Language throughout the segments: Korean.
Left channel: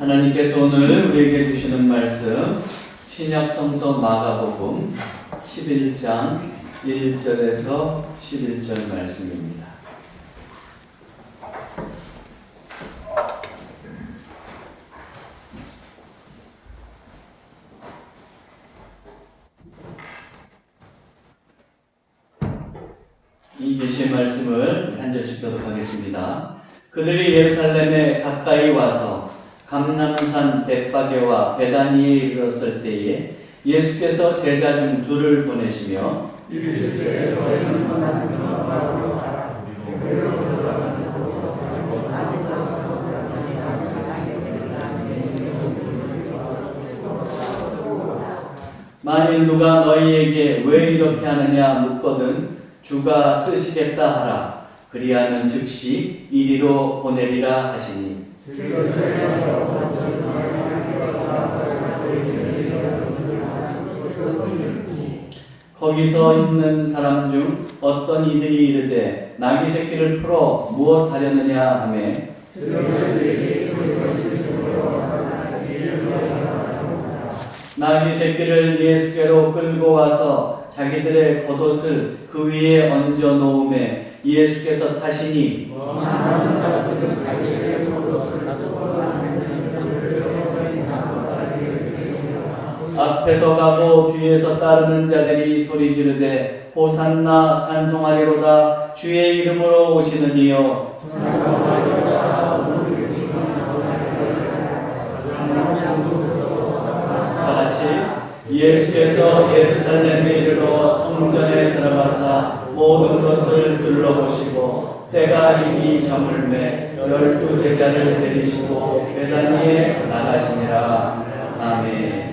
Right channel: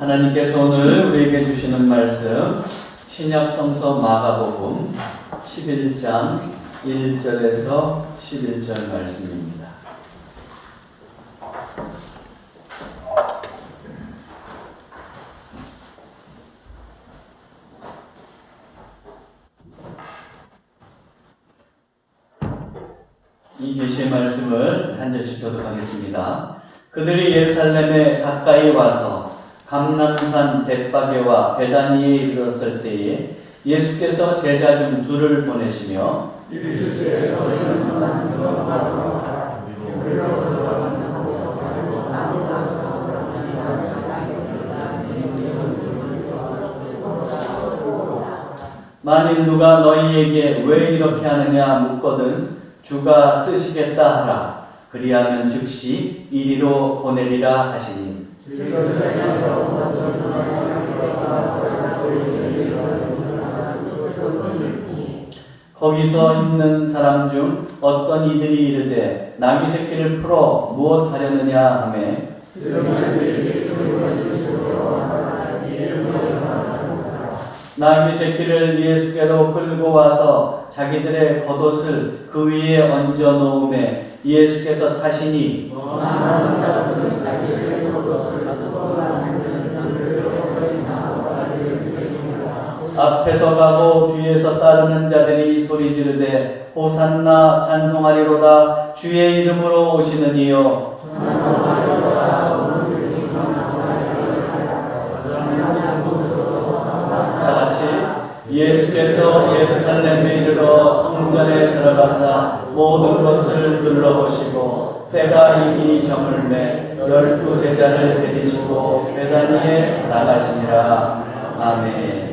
하나님께서 오늘 우리에게 주시는 말씀 신약성서 마가복음 11장 1절에서 11절 말씀입니다. 이 계시의 말씀을 한 절씩 교독하겠습니다. 그들이 예루살렘에 가까이 와서 감람산 벳바게와 베다니에 이르렀을 때에 예수께서 제자 중 둘을 보내시며 만일 누가 너희에게 왜 이렇게 하느냐 묻거든 주가 쓰시겠다 하라. 그리하면 즉시 이리로 보내리라 하시니 거기서 있는 사람 중 어떤 이들이 이르되 나귀 새끼를 풀어 무엇 하렸느냐 하매 나귀 새끼를 예수께로 끌고 와서 자기들의 겉옷을 그 위에 얹어 놓음에 예수께서 타시니 앞에서 가고 뒤에서 따르는 자들이 소리 지르되 호산나 찬송하리로다 주의 이름으로 오시는 이여 다같이 예수께서 예루살렘에 이르러 성전에 들어가사 모든 것을 둘러보시고 때가 이미 저물매 12 제자를 데리시고 베다니에 나가시니라. 아멘.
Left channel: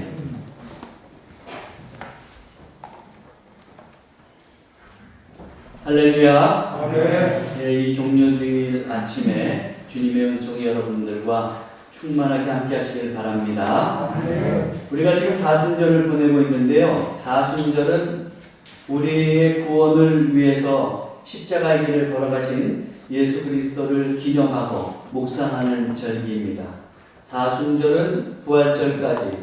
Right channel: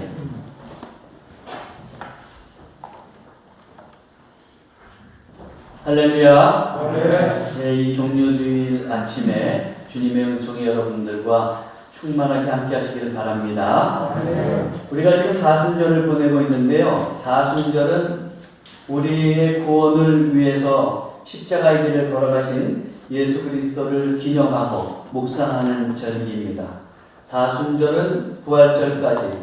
할렐루야. 아멘. 이 종료주일 아침에 주님의 은총이 여러분들과 충만하게 함께 하시기를 바랍니다. 아멘. 우리가 지금 사순절을 보내고 있는데요. 사순절은 우리의 구원을 위해서 십자가의 길을 걸어가신 예수 그리스도를 기념하고 묵상하는 절기입니다. 사순절은 부활절까지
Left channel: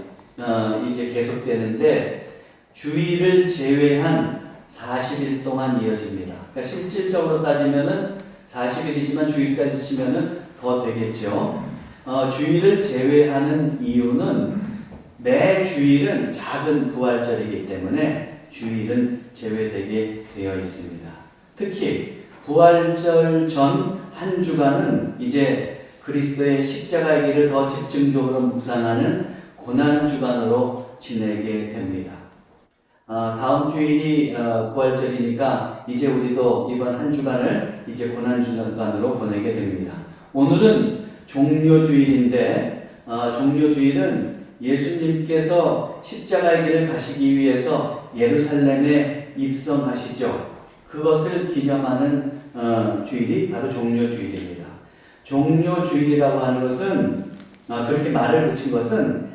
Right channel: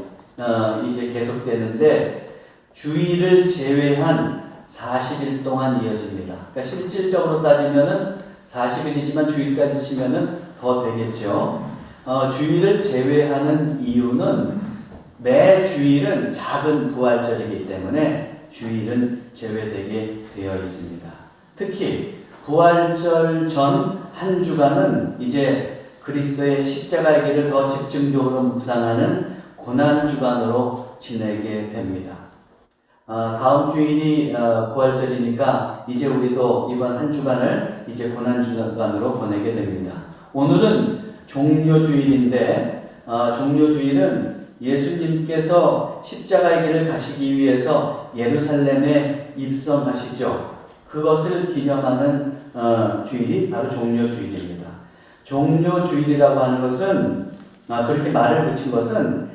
이제 계속되는데 주일을 제외한 40일 동안 이어집니다. 그러니까 실질적으로 따지면은 40일이지만 주일까지 치면은 더 되겠죠. 주일을 제외하는 이유는 매 주일은 작은 부활절이기 때문에 주일은 제외되게 되어 있습니다. 특히 부활절 전 한 주간은 이제 그리스도의 십자가의 길을 더 집중적으로 묵상하는 고난주간으로 지내게 됩니다. 다음 주일이 부활절이니까 이제 우리도 이번 한 주간을 이제 고난주간으로 보내게 됩니다. 오늘은 종료주일인데 종료주일은 예수님께서 십자가의 길을 가시기 위해서 예루살렘에 입성하시죠. 그것을 기념하는 주일이 바로 종료주일입니다. 종료주일이라고 하는 것은 그렇게 말을 붙인 것은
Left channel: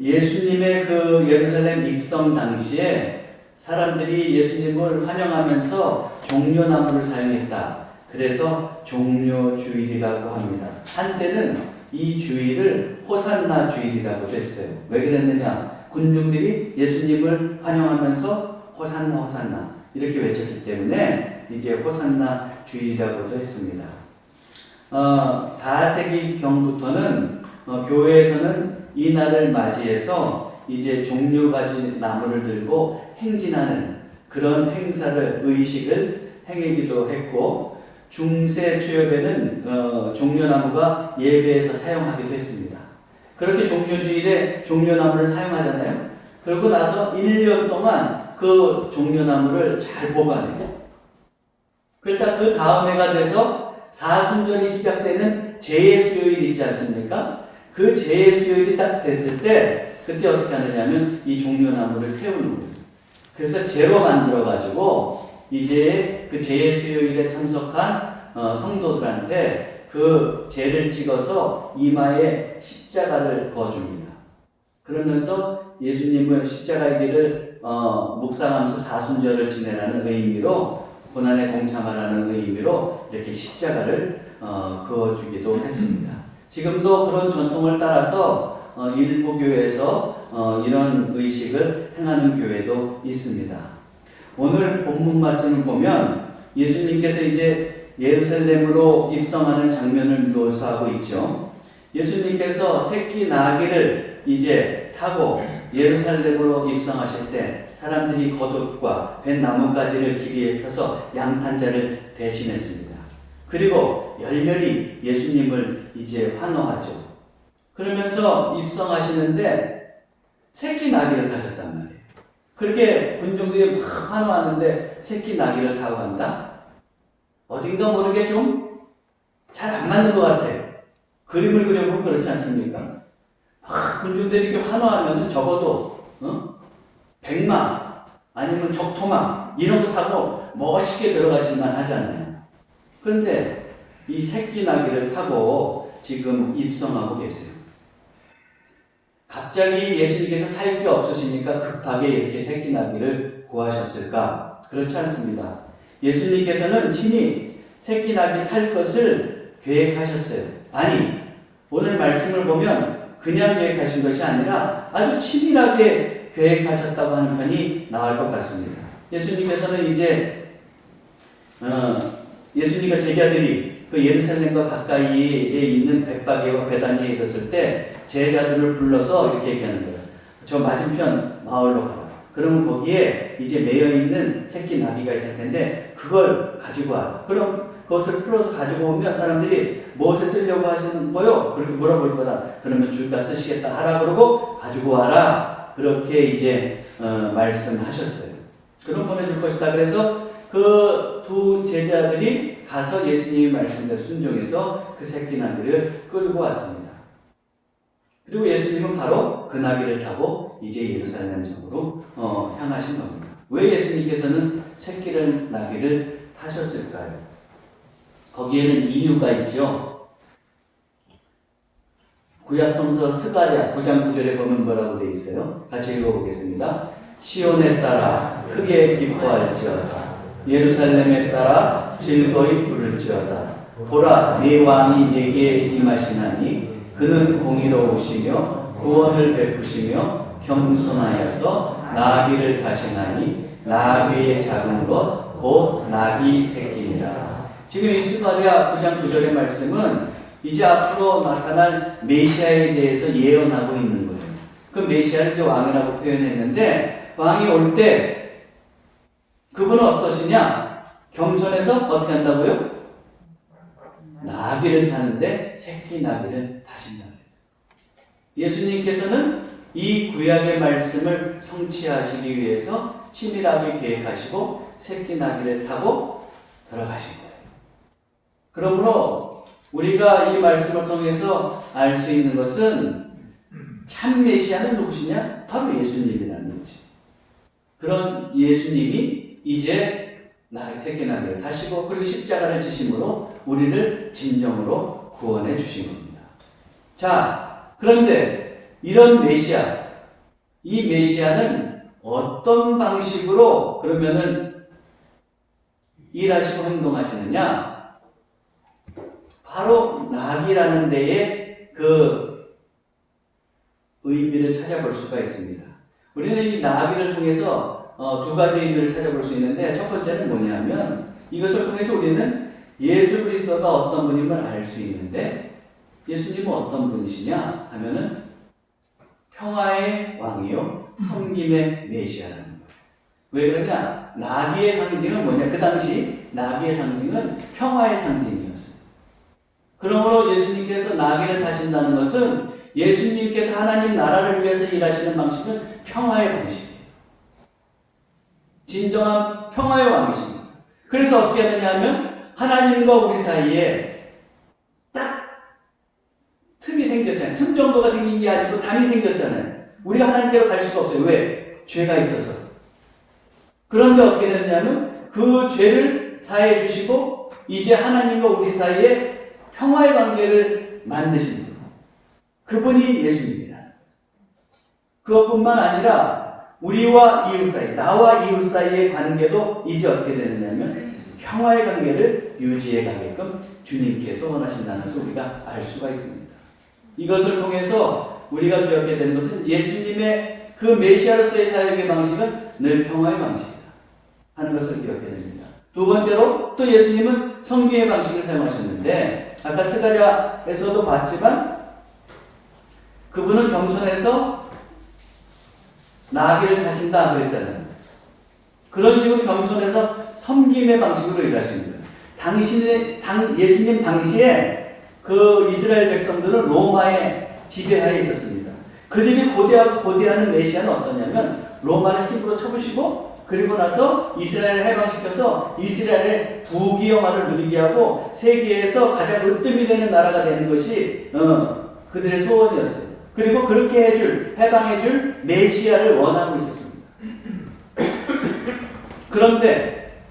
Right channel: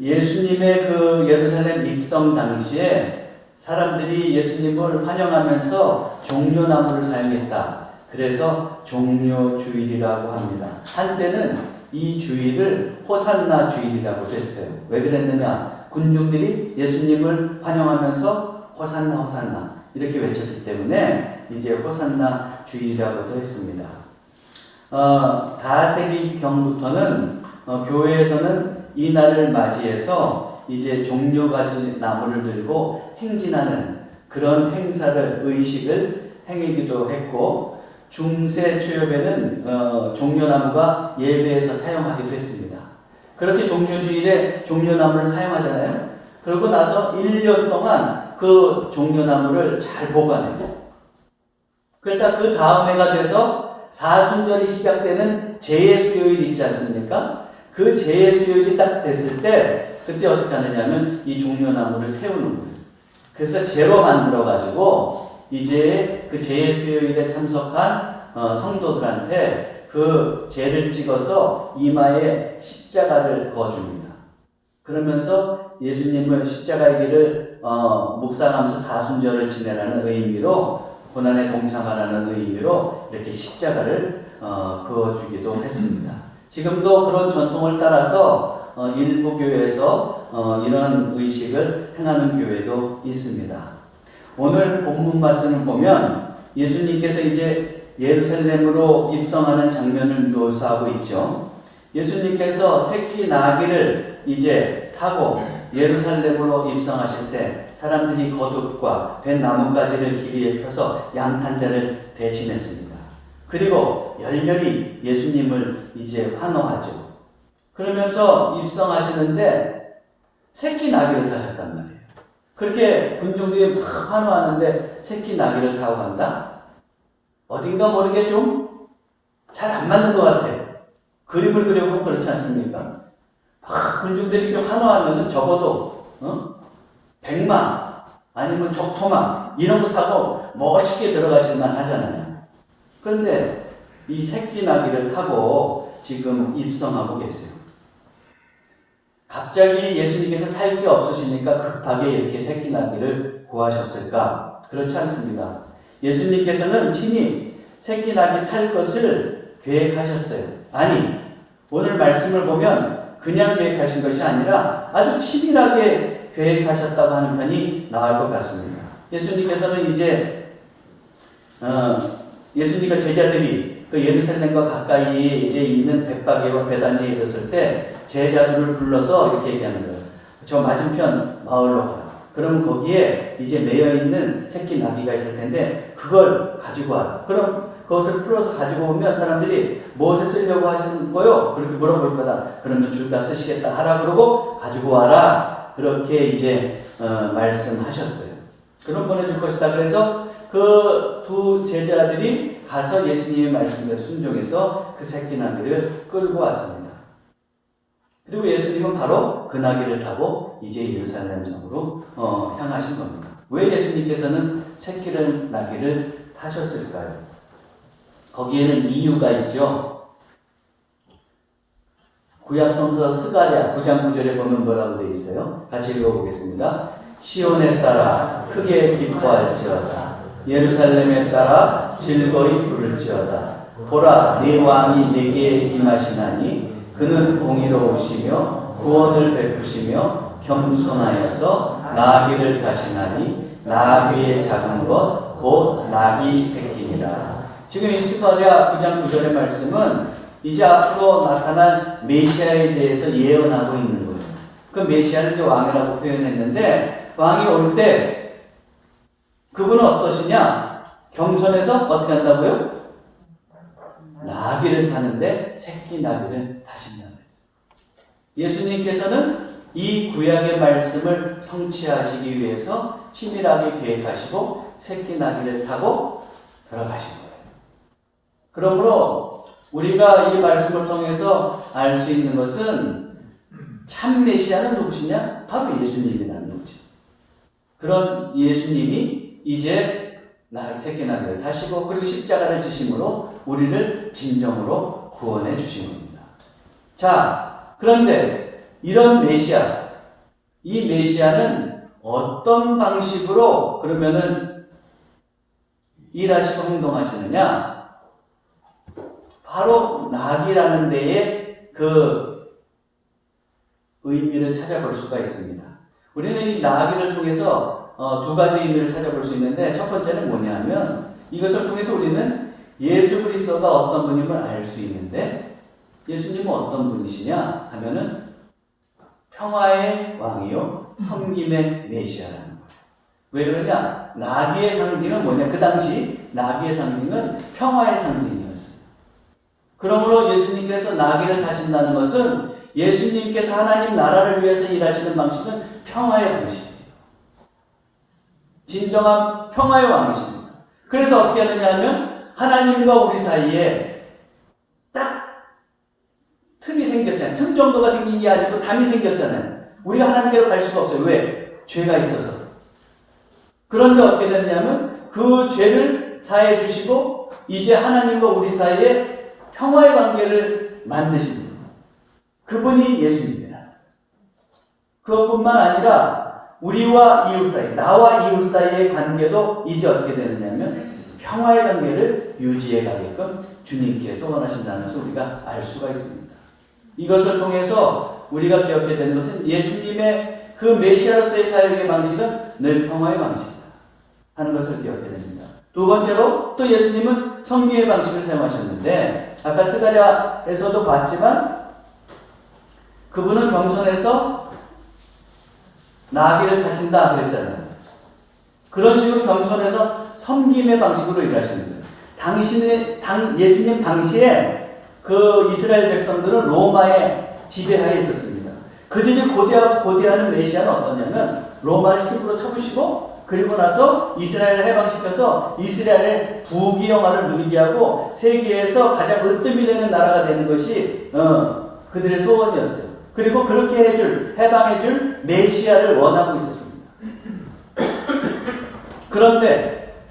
예수님의 그 예루살렘 입성 당시에 사람들이 예수님을 환영하면서 종려나무를 사용했다. 그래서 종료주일이라고 합니다. 한때는 이 주일을 호산나 주일이라고 했어요. 왜 그랬느냐? 군중들이 예수님을 환영하면서 호산나 호산나 이렇게 외쳤기 때문에 이제 호산나 주일이라고도 했습니다. 4세기 경부터는 교회에서는 이 날을 맞이해서 이제 종려가지 나무를 들고 행진하는 그런 행사를 의식을 행하기도 했고 중세 초엽에는 종려나무가 예배에서 사용하기도 했습니다. 그렇게 종료주일에 종려나무를 사용하잖아요. 그러고 나서 1년 동안 그 종려나무를 잘 보관해요. 그러니까 그 다음 해가 돼서 사순절이 시작되는 제수요일 있지 않습니까? 그 제수요일이 딱 됐을 때 그때 어떻게 하느냐면 이 종려나무를 태우는 거예요. 그래서 제로 만들어가지고 이제 그 제수요일에 참석한 성도들한테 그 제를 찍어서 이마에 십자가를 그어줍니다. 그러면서 예수님을 십자가의 길을 묵상하면서 사순절을 지내라는 의미로 고난에 동참하라는 의미로 이렇게 십자가를 그어주기도 했습니다. 지금도 그런 전통을 따라서 일부 교회에서 이런 의식을 행하는 교회도 있습니다. 오늘 본문 말씀을 보면 예수님께서 이제 예루살렘으로 입성하는 장면을 묘사하고 있죠. 예수님께서 새끼 나귀를 이제 타고 예루살렘으로 입성하실 때 사람들이 겉옷과 뱃나뭇가지를 길이에 펴서 양탄자를 대신했습니다. 그리고 열렬히 예수님을 이제 환호하죠. 그러면서 입성하시는데 새끼 나귀를 타셨단 말이에요. 그렇게 군중들이 막 환호하는데 새끼 나귀를 타고 간다? 어딘가 모르게 좀 잘 안 맞는 것 같아. 그림을 그려보면 그렇지 않습니까? 군중들이 이렇게 환호하면 적어도 100만 아니면 적토마 이런 거 타고 멋있게 들어가실만 하잖아요. 그런데 이 새끼 나귀를 타고 지금 입성하고 계세요. 갑자기 예수님께서 탈 게 없으시니까 급하게 이렇게 새끼 나귀를 구하셨을까? 그렇지 않습니다. 예수님께서는 친히 새끼 나귀 탈 것을 계획하셨어요. 아니, 오늘 말씀을 보면 그냥 계획하신 것이 아니라 아주 치밀하게 계획하셨다고 하는 편이 나을 것 같습니다. 예수님께서는 이제 예수님과 제자들이 그 예루살렘과 가까이에 있는 벳바게와 베다니에 이르렀을 때 제자들을 불러서 이렇게 얘기하는 거예요. 저 맞은편 마을로 가라. 그러면 거기에 이제 매여 있는 새끼 나귀가 있을 텐데 그걸 가지고 와라. 그럼 그것을 풀어서 가지고 오면 사람들이 무엇에 쓰려고 하시는 거요? 그렇게 물어볼 거다. 그러면 줄까 쓰시겠다 하라 그러고 가지고 와라. 그렇게 이제 말씀하셨어요. 그럼 보내줄 것이다. 그래서 그 두 제자들이 가서 예수님의 말씀대로 순종해서 그 새끼 나귀를 끌고 왔습니다. 그리고 예수님은 바로 그 나귀를 타고 이제 예루살렘 성으로 향하신 겁니다. 왜 예수님께서는 새끼 나귀를 타셨을까요? 거기에는 이유가 있죠. 구약성서 스가랴 9장 9절에 보면 뭐라고 되어 있어요? 같이 읽어보겠습니다. 시온에 따라 크게 기뻐할지어다. 예루살렘에 따라 즐거이 부를지어다. 보라, 네 왕이 네게 임하시나니 그는 공의로우시며 구원을 베푸시며 겸손하여서 나귀를 타시나니 나귀의 작은 것 곧 나귀 새끼니라. 지금 이 스가랴 9장 9절의 말씀은 이제 앞으로 나타날 메시아에 대해서 예언하고 있는 거예요. 그 메시아를 이제 왕이라고 표현했는데 왕이 올 때 그분은 어떠시냐? 겸손해서 어떻게 한다고요? 나귀를 타는데 새끼 나귀를 타신다고 했어요. 예수님께서는 이 구약의 말씀을 성취하시기 위해서 치밀하게 계획하시고 새끼 나귀를 타고 들어가신 거예요. 그러므로 우리가 이 말씀을 통해서 알 수 있는 것은 참 메시아는 누구시냐? 바로 예수님이라는 거지. 그런 예수님이 이제 새끼 나귀를 타시고 그리고 십자가를 지심으로 우리를 진정으로 구원해 주신 겁니다. 자, 그런데 이런 메시아, 이 메시아는 어떤 방식으로 그러면은 일하시고 행동하시느냐? 바로 나귀라는 데에 그 의미를 찾아볼 수가 있습니다. 우리는 이 나귀를 통해서 두 가지 의미를 찾아볼 수 있는데 첫 번째는 뭐냐면 이것을 통해서 우리는 예수 그리스도가 어떤 분임을 알 수 있는데 예수님은 어떤 분이시냐 하면은 평화의 왕이요 섬김의 메시아라는 거예요. 왜 그러냐? 나귀의 상징은 뭐냐? 그 당시 나귀의 상징은 평화의 상징이었어요. 그러므로 예수님께서 나귀를 타신다는 것은 예수님께서 하나님 나라를 위해서 일하시는 방식은 평화의 방식이에요. 진정한 평화의 왕이십니다. 그래서 어떻게 하느냐 하면 하나님과 우리 사이에 딱 틈이 생겼잖아요. 틈 정도가 생긴 게 아니고 담이 생겼잖아요. 우리가 하나님께로 갈 수가 없어요. 왜? 죄가 있어서. 그런데 어떻게 됐냐면 그 죄를 사해 주시고 이제 하나님과 우리 사이에 평화의 관계를 만드신 분. 그분이 예수님이라. 그것뿐만 아니라 우리와 이웃 사이, 나와 이웃 사이의 관계도 이제 어떻게 되느냐면 평화의 관계를 유지해 가게끔 주님께서 원하신다는 것을 우리가 알 수가 있습니다. 이것을 통해서 우리가 기억해야 되는 것은 예수님의 그 메시아로서의 사역의 방식은 늘 평화의 방식이다 하는 것을 기억해야 됩니다. 두 번째로 또 예수님은 성기의 방식을 사용하셨는데 아까 스가랴에서도 봤지만 그분은 겸손해서 나귀를 타신다 그랬잖아요. 그런 식으로 겸손해서 섬김의 방식으로 일하시는 거예요. 예수님 당시에 그 이스라엘 백성들은 로마의 지배하에 있었습니다. 그들이 고대하는 메시아는 어떠냐면 로마를 힘으로 쳐부시고 그리고 나서 이스라엘을 해방시켜서 이스라엘의 부귀영화를 누리게 하고 세계에서 가장 으뜸이 되는 나라가 되는 것이 그들의 소원이었어요. 그리고 그렇게 해방해줄 메시아를 원하고 있었습니다. 그런데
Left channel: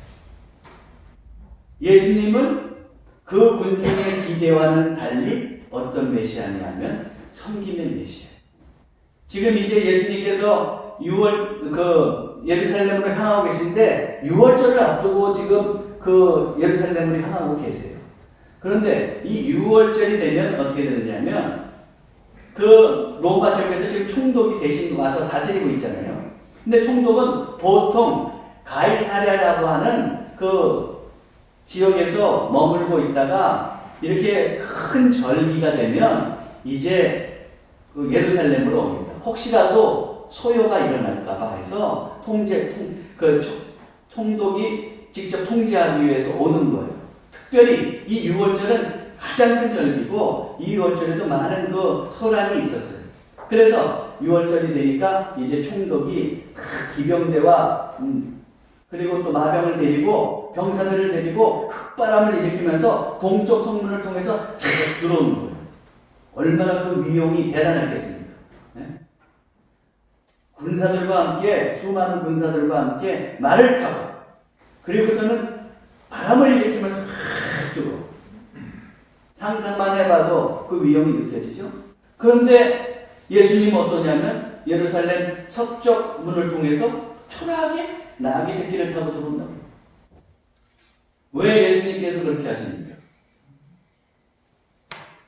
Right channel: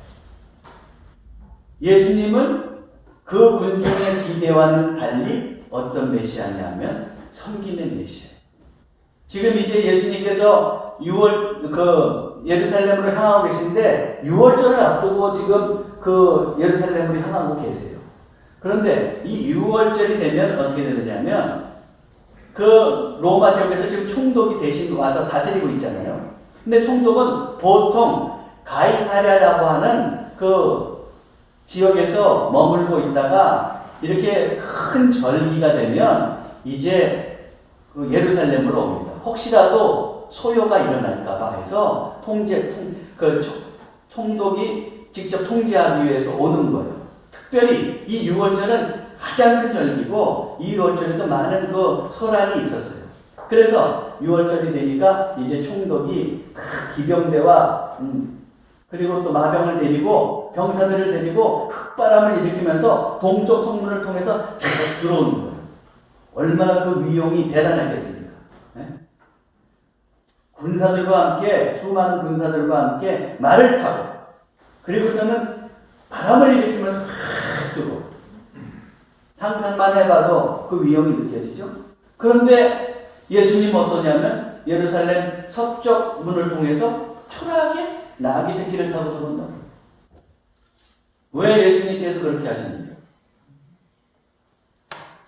예수님은 그 군중의 기대와는 달리 어떤 메시아냐면 섬기는 메시아. 지금 이제 예수님께서 예루살렘으로 향하고 계신데 6월절을 앞두고 지금 그 예루살렘으로 향하고 계세요. 그런데 이 6월절이 되면 어떻게 되느냐면 그 로마 지역에서 지금 총독이 대신 와서 다스리고 있잖아요. 근데 총독은 보통 가이사랴라고 하는 그 지역에서 머물고 있다가 이렇게 큰 절기가 되면 이제 예루살렘으로 옵니다. 혹시라도 소요가 일어날까봐 해서 총독이 직접 통제하기 위해서 오는 거예요. 특별히 이 6월절은 가장 큰 절기고 이 6월절에도 많은 그 소란이 있었어요. 그래서 6월절이 되니까 이제 총독이 기병대와 그리고 또 마병을 데리고 병사들을 데리고 흑바람을 일으키면서 동쪽 성문을 통해서 쫙 들어오는 거예요. 얼마나 그 위용이 대단했겠습니까? 네? 군사들과 함께 수많은 군사들과 함께 말을 타고 그리고서는 바람을 일으키면서 확 뜨고 상상만 해봐도 그 위용이 느껴지죠. 그런데 예수님은 어떠냐면 예루살렘 서쪽 문을 통해서 초라하게 나귀 새끼를 타고 들어온다. 왜 예수님께서 그렇게 하십니까?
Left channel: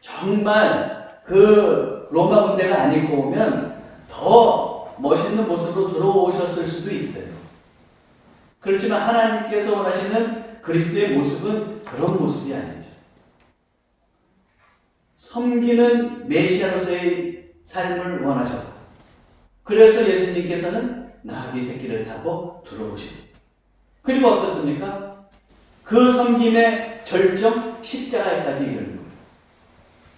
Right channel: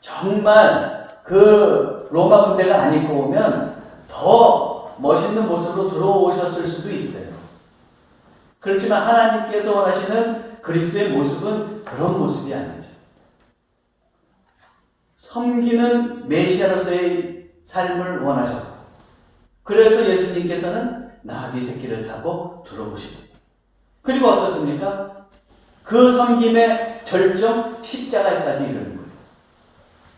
정말 그 로마 군대가 안 입고 오면 더 멋있는 모습으로 들어오셨을 수도 있어요. 그렇지만 하나님께서 원하시는 그리스도의 모습은 그런 모습이 아니죠. 섬기는 메시아로서의 삶을 원하셨고 그래서 예수님께서는 나귀 새끼를 타고 들어오십니다. 그리고 어떻습니까? 그 섬김의 절정 십자가에까지 이르는 거예요.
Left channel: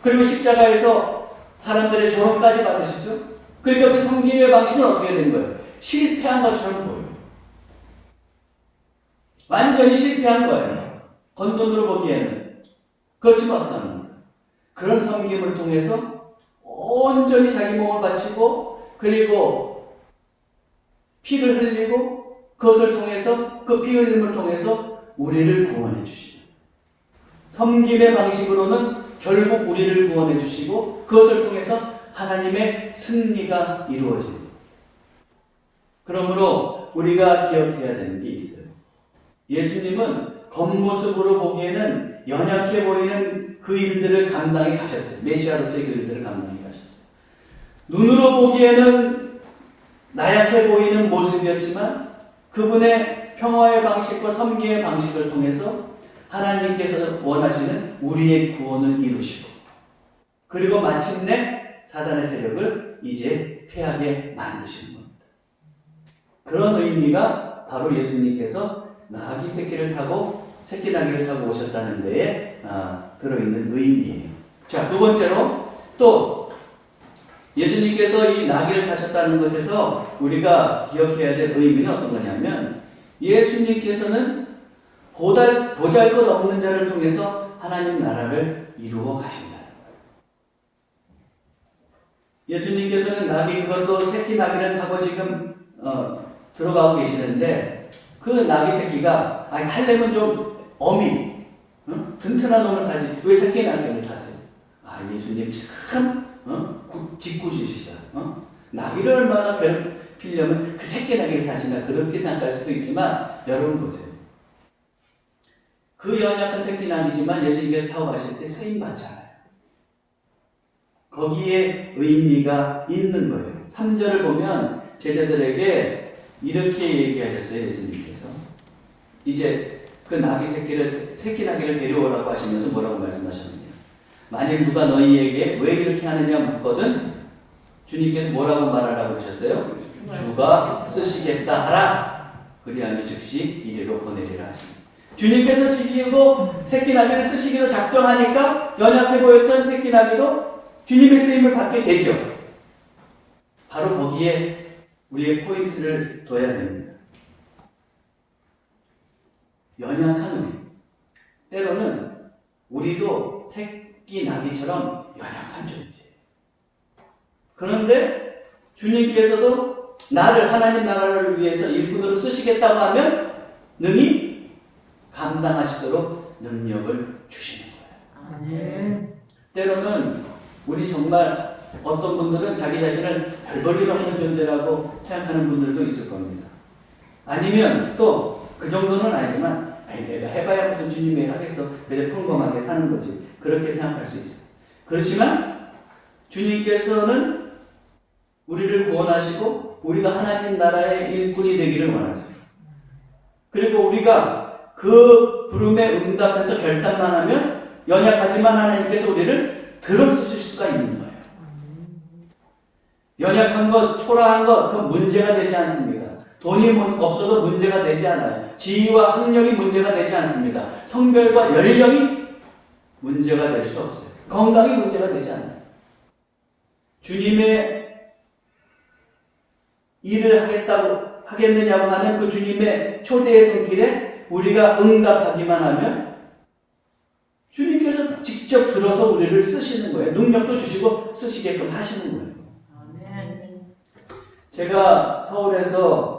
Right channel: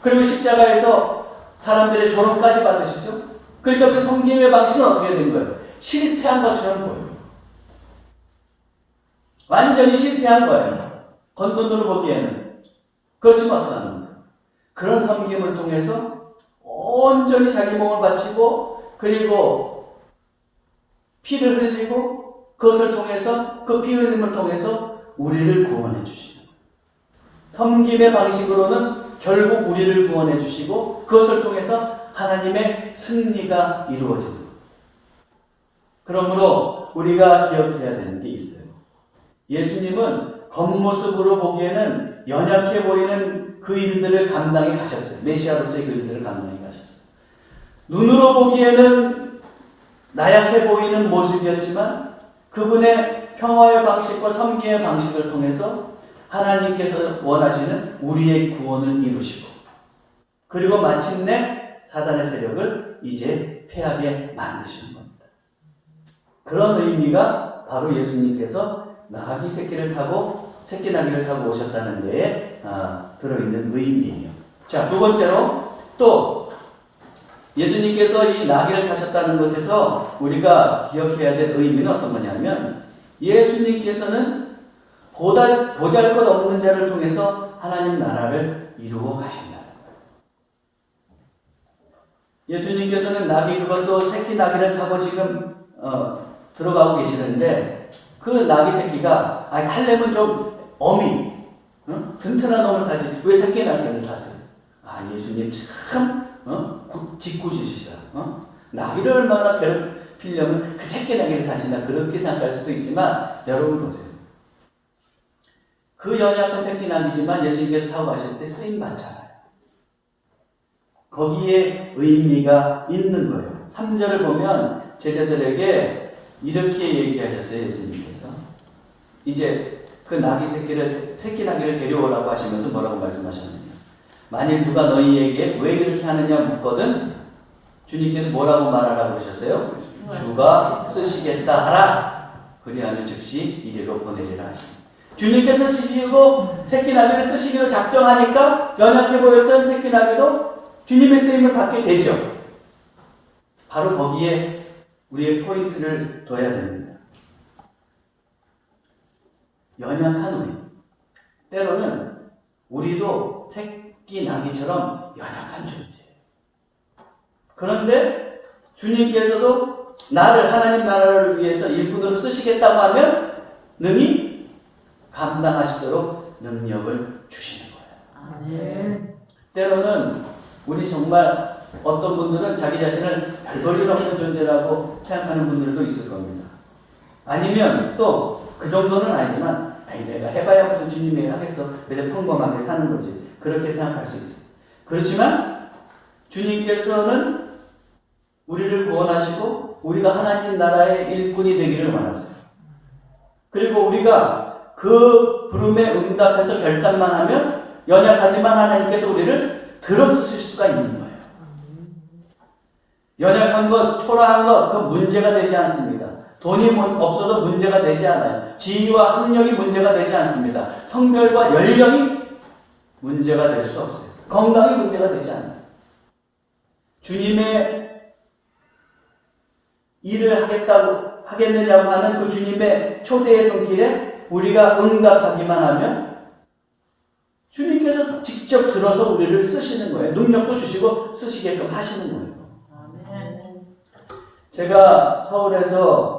그리고 십자가에서 사람들의 조롱까지 받으시죠. 그러니까 그 섬김의 방식은 어떻게 된 거예요? 실패한 것처럼 보여요. 완전히 실패한 거예요. 겉눈으로 보기에는. 그렇지만 어떻게 합니까? 그런 섬김을 통해서 온전히 자기 몸을 바치고 그리고 피를 흘리고 그것을 통해서 그 피 흘림을 통해서 우리를 구원해 주시는 섬김의 방식으로는 결국 우리를 구원해 주시고 그것을 통해서 하나님의 승리가 이루어지는 것. 그러므로 우리가 기억해야 되는 게 있어요. 예수님은 겉모습으로 보기에는 연약해 보이는 그 일들을 감당해 가셨어요. 메시아로서의 그 일들을 감당해 가셨어요. 눈으로 보기에는 나약해 보이는 모습이었지만 그분의 평화의 방식과 섬김의 방식을 통해서 하나님께서 원하시는 우리의 구원을 이루시고 그리고 마침내 사단의 세력을 이제 패하게 만드시는 겁니다. 그런 의미가 바로 예수님께서 나귀 새끼를 타고 새끼 나귀를 타고 오셨다는 데에 들어있는 의미예요. 자, 두 번째로 또 예수님께서 이 나귀를 타셨다는 것에서 우리가 기억해야 될 의미는 어떤 거냐면 예수님께서는 보잘것없는 자를 통해서 하나님 나라를 이루어 가신다는 거예요. 예수님께서는 나귀 그것도 새끼 나귀를 타고 지금 들어가고 계시는데 그 나귀 새끼가 타려면 좀 어미 튼튼한 놈을 타지 왜 새끼 나귀를 타세요? 예수님 참 짓궂으시다. 나귀를 얼마나 괴롭히려면 그 새끼 나귀를 타신다 그렇게 생각할 수도 있지만 여러분 보세요. 그 연약한 새끼 나귀지만 예수님께서 타고 가실 때 쓰임 받잖아요. 거기에 의미가 있는 거예요. 3절을 보면 제자들에게 이렇게 얘기하셨어요. 예수님께서. 이제 그 새끼 나귀를 데려오라고 하시면서 뭐라고 말씀하셨느냐. 만일 누가 너희에게 왜 이렇게 하느냐 묻거든 주님께서 뭐라고 말하라고 하셨어요? 주가 쓰시겠다 하라. 그리하면 즉시 이리로 보내리라 하십니다. 주님께서 쓰시고 새끼 나귀를 쓰시기로 작정하니까 연약해 보였던 새끼 나귀도 주님의 쓰임을 받게 되죠. 바로 거기에 우리의 포인트를 둬야 됩니다. 연약한 우리. 때로는 우리도 새끼 나귀처럼 연약한 존재예요. 그런데 주님께서도 나를 하나님 나라를 위해서 일꾼으로 쓰시겠다고 하면 능히 감당하시도록 능력을 주시는 거예요. 아멘. 때로는 우리 정말 어떤 분들은 자기 자신을 별 볼 일 없는 존재라고 생각하는 분들도 있을 겁니다. 아니면 또 그 정도는 아니지만 내가 해봐야 무슨 주님이 하겠어. 그냥 평범하게 사는 거지. 그렇게 생각할 수 있어요. 그렇지만 주님께서는 우리를 구원하시고 우리가 하나님 나라의 일꾼이 되기를 원하세요. 그리고 우리가 그 부름에 응답해서 결단만 하면 연약하지만 하나님께서 우리를 들어쓰실 수가 있는 거예요. 연약한 것, 초라한 것, 그 문제가 되지 않습니다. 돈이 없어도 문제가 되지 않아요. 지위와 학력이 문제가 되지 않습니다. 성별과 연령이 문제가 될 수 없어요. 건강이 문제가 되지 않아요. 주님의 일을 하겠느냐고 하는 그 주님의 초대의 손길에 우리가 응답하기만 하면 주님께서 직접 들어서 우리를 쓰시는 거예요. 능력도 주시고 쓰시게끔 하시는 거예요. 제가 서울에서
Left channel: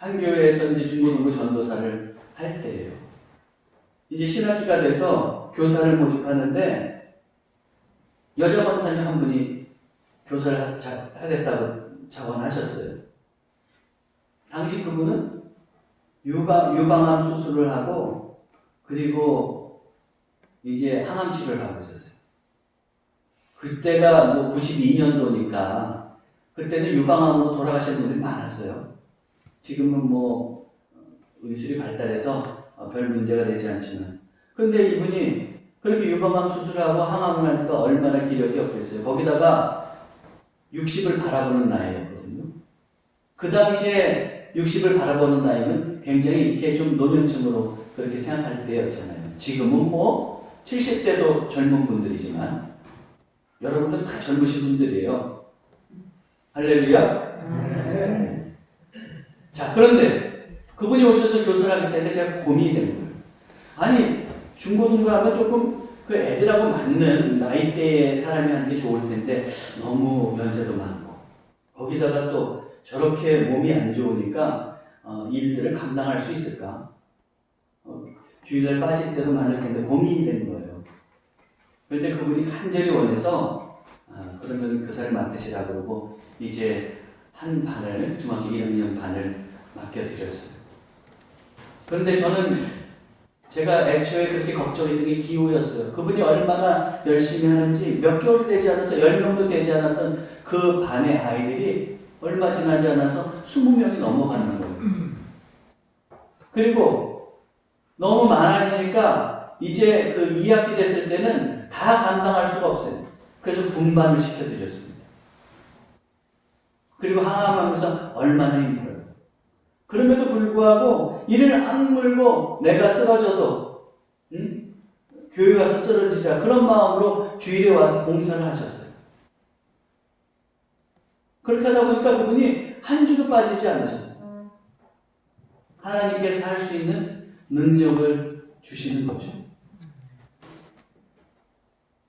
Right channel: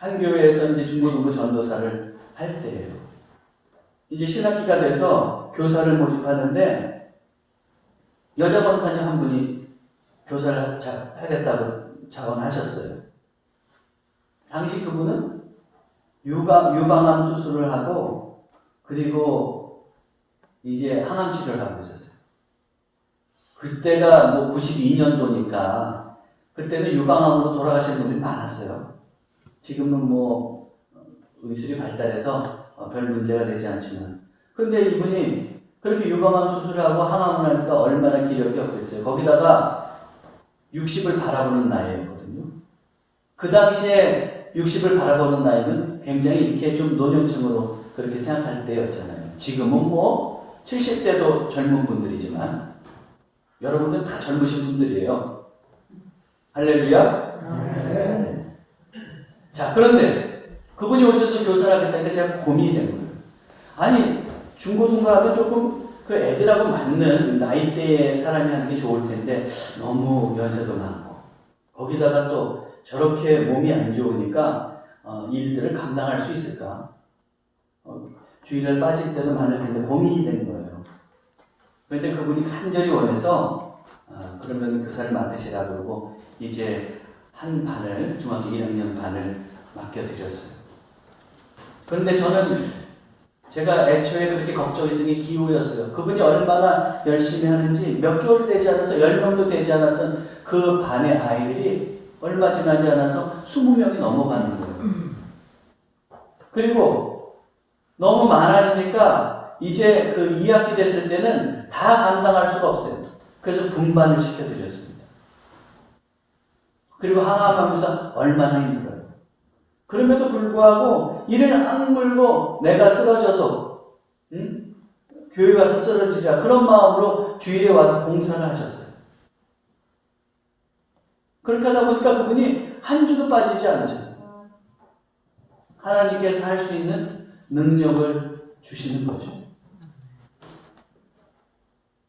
한 교회에서 이제 중고등부 전도사를 할 때예요. 이제 신학기가 돼서 교사를 모집하는데 여자 권사님 한 분이 교사를 하겠다고 자원하셨어요. 당시 그분은 유방암 수술을 하고 그리고 이제 항암 치료를 하고 있었어요. 그때가 뭐 92년도니까 그때는 유방암으로 돌아가시는 분들이 많았어요. 지금은 뭐 의술이 발달해서 별 문제가 되지 않지만 근데 이분이 그렇게 유방암 수술하고 항암을 하니까 얼마나 기력이 없겠어요. 거기다가 60을 바라보는 나이였거든요. 그 당시에 60을 바라보는 나이는 굉장히 이렇게 좀 노년층으로 그렇게 생각할 때였잖아요. 지금은 뭐 70대도 젊은 분들이지만 여러분은 다 젊으신 분들이에요. 할렐루야. 자, 그런데 그분이 오셔서 교사를 하겠다니까 제가 고민이 된 거예요. 아니, 중고등부 하면 조금 그 애들하고 맞는 나이대의 사람이 하는 게 좋을 텐데 너무 연세도 많고 거기다가 또 저렇게 몸이 안 좋으니까 일들을 감당할 수 있을까? 주일날 빠질 때도 많을 텐데 고민이 된 거예요. 그런데 그분이 간절히 원해서 그러면 교사를 맡으시라고 그러고 이제 한 반을 중학교 1학년 반을 맡겨드렸어요. 그런데 저는 제가 애초에 그렇게 걱정했던 게 기후였어요. 그분이 얼마나 열심히 하는지 몇 개월 되지 않아서 10명도 되지 않았던 그 반의 아이들이 얼마 지나지 않아서 20명이 넘어가는 거예요. 그리고 너무 많아지니까 이제 그 2학기 됐을 때는 다 감당할 수가 없어요. 그래서 분반을 시켜드렸습니다. 그리고 항암하면서 얼마나 힘들어요. 그럼에도 불구하고 이를 악물고 내가 쓰러져도 교회 가서 쓰러지라 그런 마음으로 주일에 와서 봉사를 하셨어요. 그렇게 하다 보니까 그분이 한 주도 빠지지 않으셨어요. 하나님께서 할 수 있는 능력을 주시는 거죠.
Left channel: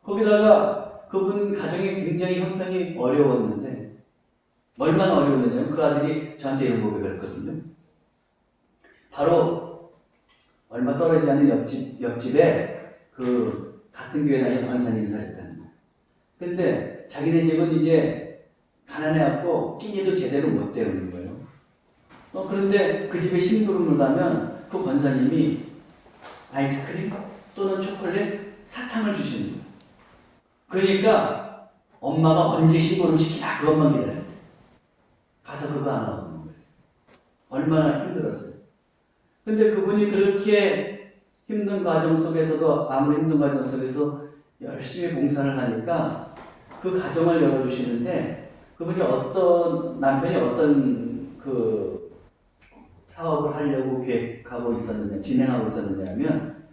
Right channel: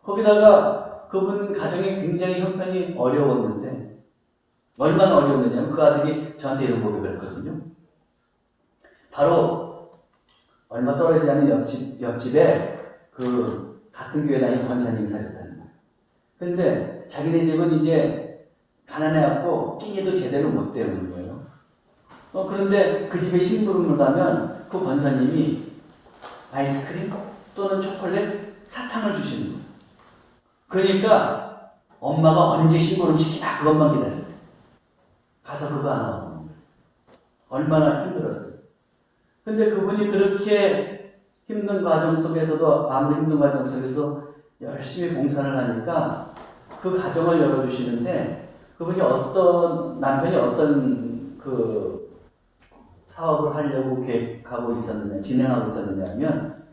거기다가 그분 가정이 굉장히 형편이 어려웠는데 얼마나 어려웠느냐면 그 아들이 저한테 이런 고백을 했거든요. 바로 얼마 떨어지지 않은 옆집에 그 같은 교회 다니는 권사님이 사셨다는 거예요. 근데 자기네 집은 이제 가난해갖고 끼니도 제대로 못 때우는 거예요. 그런데 그 집에 심부름을 가면 그 권사님이 아이스크림 또는 초콜릿, 사탕을 주시는 거예요. 그러니까 엄마가 언제 신고를 시키나 그것만 기다렸대. 가서 그거 안 하고 거예요. 얼마나 힘들었어요. 근데 그분이 그렇게 힘든 과정 속에서도, 아무리 힘든 과정 속에서도 열심히 봉사를 하니까 그 가정을 열어주시는데, 그분이 남편이 어떤 그 사업을 하려고 계획하고 있었느냐, 진행하고 있었느냐 하면,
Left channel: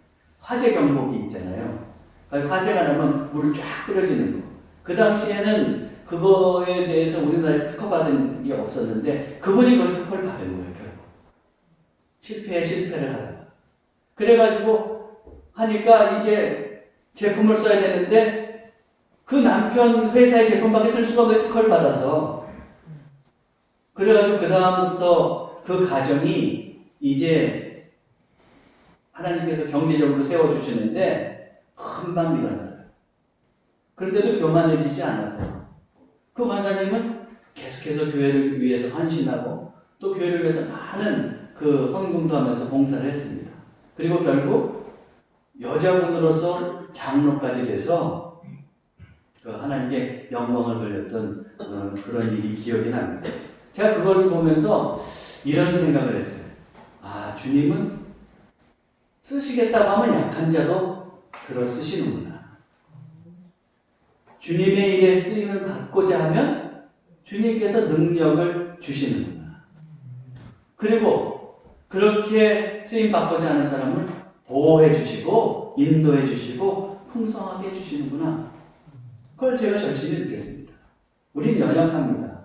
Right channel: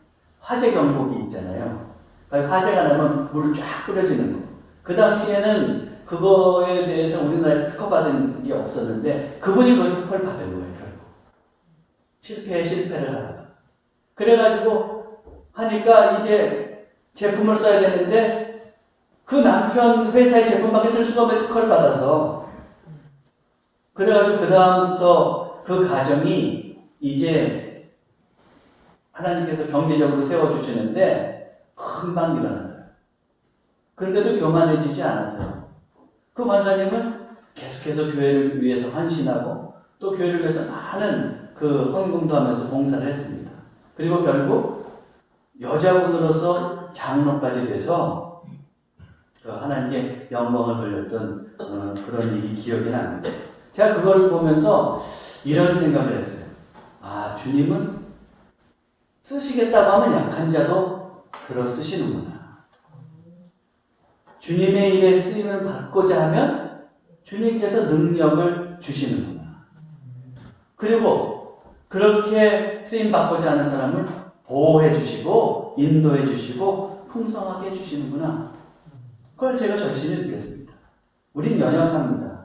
화재 경보기 있잖아요. 그러니까 화재가 나면 물을 쫙 뿌려지는 거. 그 당시에는 그거에 대해서 우리나라에서 특허받은 게 없었는데, 그분이 그걸 특허를 받은 거예요, 결국. 실패를 하다가. 그래가지고 하니까 이제 제품을 써야 되는데, 그 남편 회사의 제품밖에 쓸 수가 없는 특허를 받아서. 그래가지고 그다음부터 그 가정이 이제 하나님께서 경제적으로 세워주시는데 금방 일어나요. 그런데도 교만해지지 않았어요. 그 권사님은 계속해서 교회를 위해서 헌신하고 또 교회를 위해서 많은 그 헌금도 하면서 봉사를 했습니다. 그리고 결국 여자분으로서 장로까지 돼서 그 하나님께 영광을 돌렸던 그런 일이 기억이 납니다. 제가 그걸 보면서 이런 생각을 했어요. 아, 주님은 쓰시겠다고 하면 약한 자도 들어 쓰시는구나. 주님의 일에 쓰임을 받고자 하면 주님께서 능력을 주시는구나. 그리고 그렇게 쓰임 받고자 하는 사람을 보호해 주시고 인도해 주시고 풍성하게 해 주시는구나. 그걸 제가 절실히 느꼈습니다. 우린 연약합니다.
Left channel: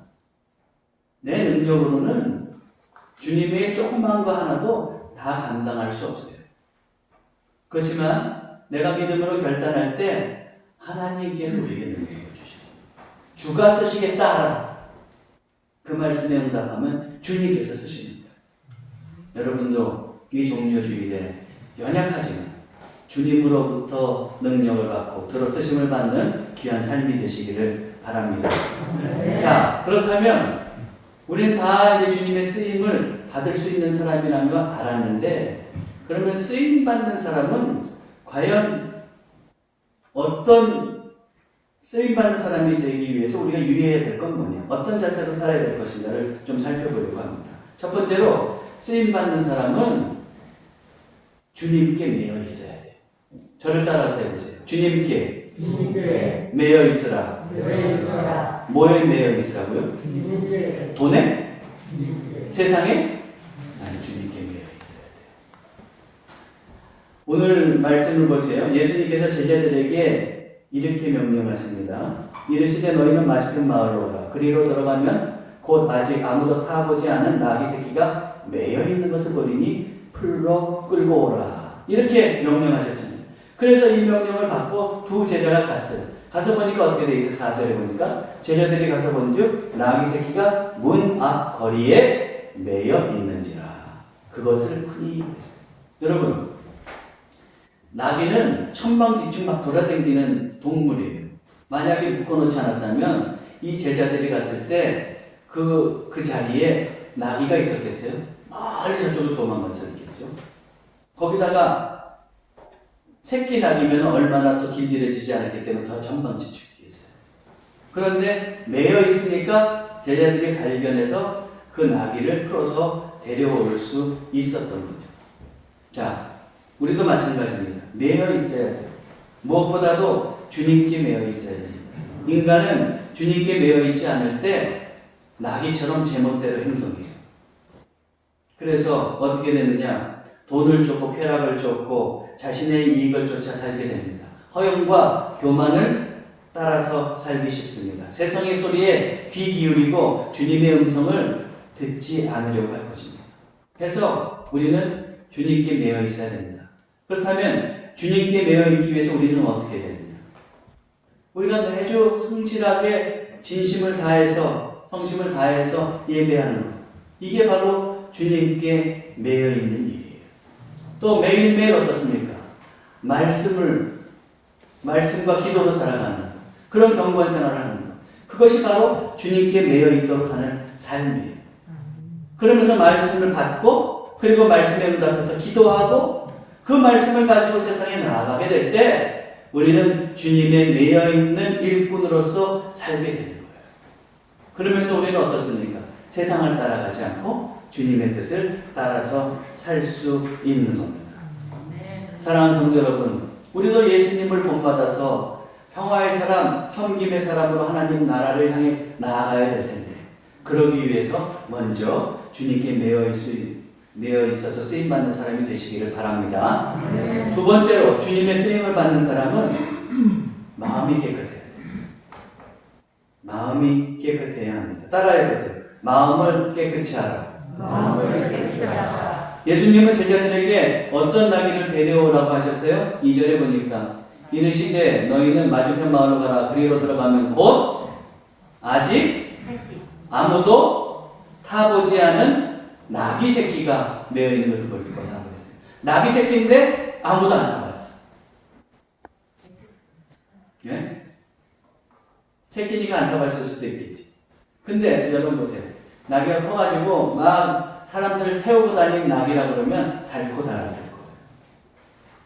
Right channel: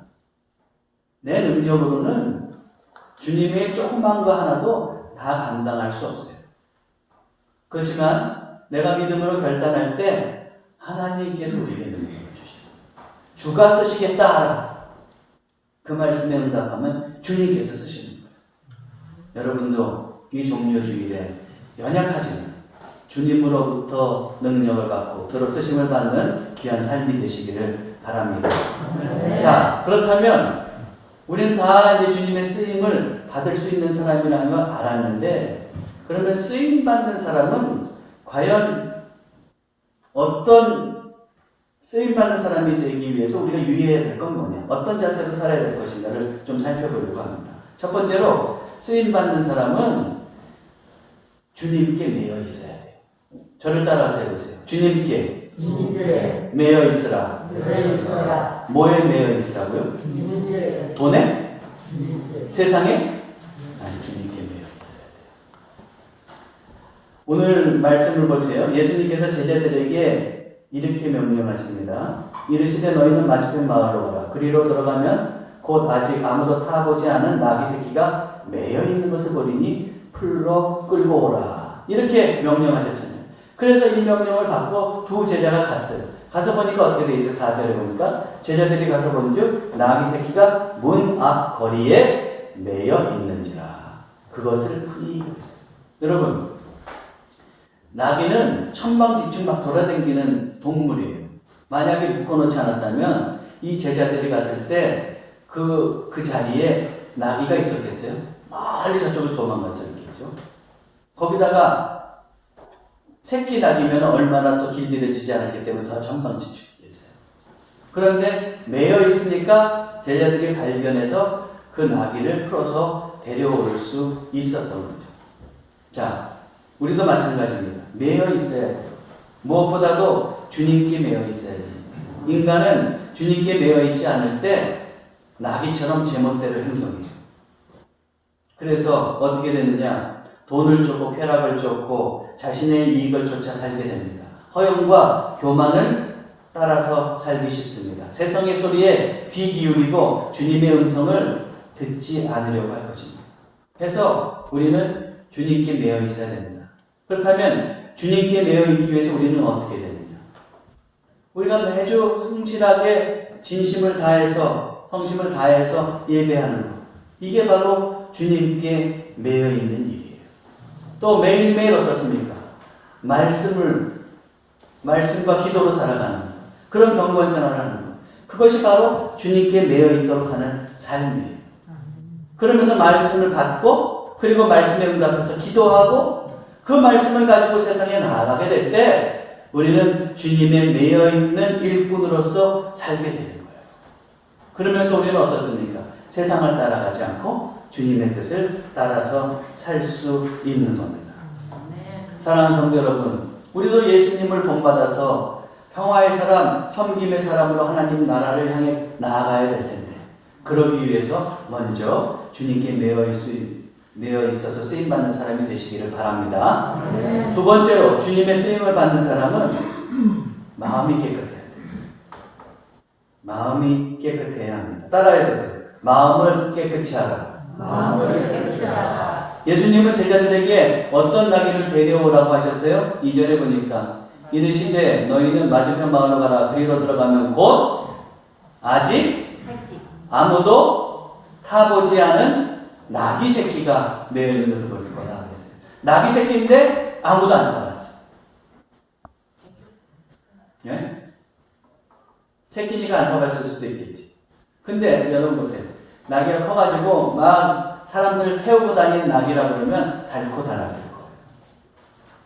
내 능력으로는 주님의 조그만 거 하나도 다 감당할 수 없어요. 그렇지만 내가 믿음으로 결단할 때 하나님께서 우리에게 능력을 주시죠. 주가 쓰시겠다. 그 말씀에 응답하면 주님께서 쓰시는 거예요. 여러분도 이 종료주일에 연약하지만 주님으로부터 능력을 받고 들어 쓰심을 받는 귀한 삶이 되시기를 바랍니다. 자, 그렇다면 우리는 다 이제 주님의 쓰임을 받을 수 있는 사람이라는 걸 알았는데, 그러면 쓰임 받는 사람은 과연 어떤 쓰임 받는 사람이 되기 위해서 우리가 유의해야 될 건 뭐냐, 어떤 자세로 살아야 될 것인가를 좀 살펴보려고 합니다. 첫 번째로 쓰임 받는 사람은 주님께 매여 있어야 돼요. 저를 따라서 해보세요. 주님께 매여 있으라. 뭐에 매여 있으라고요? 돈에? 세상에? 아니, 주님께 매여 있어야 돼요. 오늘 말씀을 보세요. 예수님께서 제자들에게 이렇게 명령하십니다. 이르시되 너희는 맞은편 마을로 오라. 그리로 들어가면 곧 아직 아무도 타보지 않은 나귀 새끼가 매여 있는 것을 보리니 풀로 끌고 오라. 이렇게 명령하셨잖아요. 그래서 이 명령을 받고 두 제자가 갔어요. 가서 보니까 어떻게 되어 있어요? 4절에 보니까 제자들이 가서 본즉 나귀 새끼가 문 앞 거리에 매여 있는지라. 그것을 흔히 여러분, 나귀는 천방지축 막 돌아다니는 동물이에요. 만약에 묶어놓지 않았다면 이 제자들이 갔을 때 그 자리에 나귀가 있었겠어요? 멀리 저쪽으로 도망갔었겠죠. 거기다가 새끼 나귀면 얼마나 또 길들여지지 않았기 때문에 더 천방지축이겠어요. 그런데 매여 있으니까 제자들이 발견해서 그 나귀를 풀어서 데려올 수 있었던 거죠. 자, 우리도 마찬가지입니다. 매여 있어야 돼요. 무엇보다도 주님께 매여 있어야 돼요. 인간은 주님께 매여 있지 않을 때 나귀처럼 제멋대로 행동해요. 그래서 어떻게 되느냐? 돈을 쫓고 쾌락을 쫓고 자신의 이익을 쫓아 살게 됩니다. 허영과 교만을 따라서 살기 쉽습니다. 세상의 소리에 귀 기울이고 주님의 음성을 듣지 않으려고 할 것입니다. 그래서 우리는 주님께 매여 있어야 됩니다. 그렇다면 주님께 매여 있기 위해서 우리는 어떻게 되느냐? 우리가 매주 성실하게 진심을 다해서 성심을 다해서 예배하는 것, 이게 바로 주님께 매여 있는 일이에요. 또 매일매일 어떻습니까? 말씀과 기도로 살아가는 것, 그런 경건 생활을 하는 것, 그것이 바로 주님께 매여 있도록 하는 삶이에요. 그러면서 말씀을 받고 그리고 말씀에 응답해서 기도하고 그 말씀을 가지고 세상에 나아가게 될 때 우리는 주님에 매여 있는 일꾼으로서 살게 되는 거예요. 그러면서 우리는 어떻습니까? 세상을 따라가지 않고 주님의 뜻을 따라서 살 수 있는 겁니다. 사랑하는 성도 여러분, 우리도 예수님을 본받아서 평화의 사람, 섬김의 사람으로 하나님 나라를 향해 나아가야 될 텐데, 그러기 위해서 먼저 주님께 매여 있어서 쓰임받는 사람이 되시기를 바랍니다. 두 번째로 주님의 쓰임을 받는 사람은 마음이 깨끗해야 돼요. 마음이 깨끗해야 합니다. 따라해보세요. 마음을 깨끗이 하라. 마음을 깨끗이 하라. 예수님은 제자들에게 어떤 나귀를 데려오라고 하셨어요? 2절에 보니까 이르시되 너희는 맞은편 마을로 가라. 그리로 들어가면 곧 아직 아무도 타보지 않은 나귀 새끼가 매여 있는 것을 볼 거다 그랬어요. 나귀 새끼인데 아무도 안 타봤어. 예? 새끼니까 안 타봤을 수도 있겠지. 근데 여러분 보세요. 나귀가 커가지고 막 사람들 태우고 다니는 나귀라 그러면 닳고 닳았을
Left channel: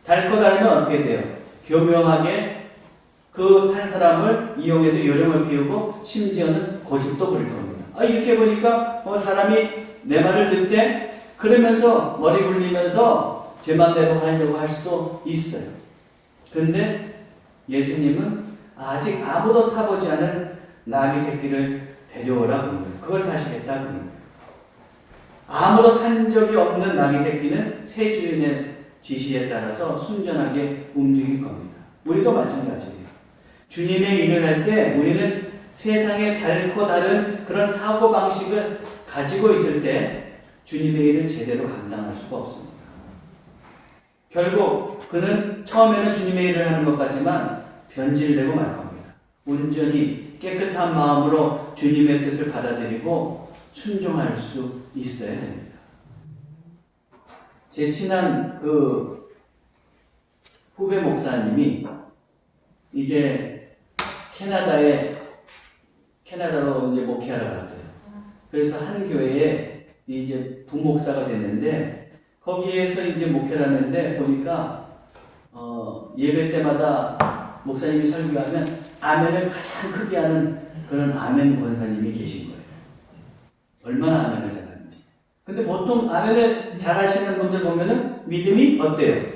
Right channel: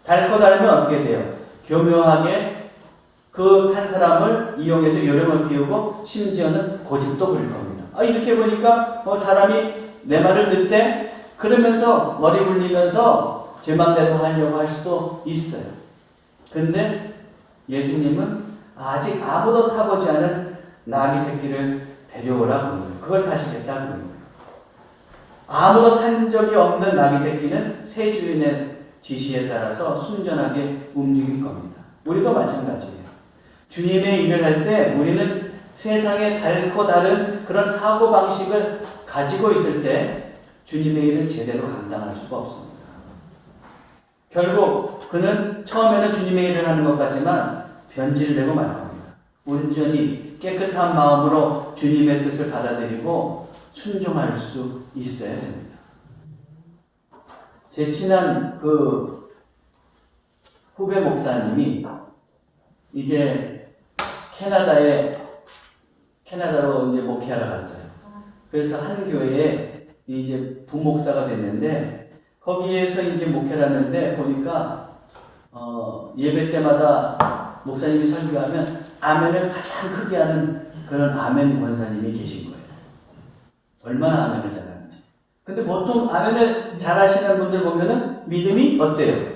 거예요. 닳고 닳으면 어떻게 돼요? 교묘하게 그 한 사람을 이용해서 요령을 피우고 심지어는 고집도 부릴 겁니다. 이렇게 보니까 사람이 내 말을 듣대? 그러면서 머리 굴리면서 제 맘대로 하려고 할 수도 있어요. 근데 예수님은 아직 아무도 타보지 않은 나귀 새끼를 데려오라고 하는 거예요. 그걸 다시 했다고 하는 거예요. 아무도 탄 적이 없는 나귀 새끼는 새 주인의 지시에 따라서 순전하게 움직일 겁니다. 우리도 마찬가지예요. 주님의 일을 할 때 우리는 세상에 닳고 다른 그런 사고방식을 가지고 있을 때 주님의 일을 제대로 감당할 수가 없습니다. 결국 그는 처음에는 주님의 일을 하는 것 같지만 변질되고 말 겁니다. 온전히 깨끗한 마음으로 주님의 뜻을 받아들이고 순종할 수 있어야 됩니다. 제 친한 후배 목사님이 이제 캐나다로 이제 목회하러 갔어요. 그래서 한 교회에 이제 부목사가 됐는데 거기에서 이제 목회를 하는데 보니까 예배 때마다 목사님이 설교하면 아멘을 가장 크게 하는 그런 아멘 권사님이 계신 거예요. 얼마나 아멘을 잘하는지. 근데 보통 아멘을 잘하시는 분들 보면은 믿음이 어때요?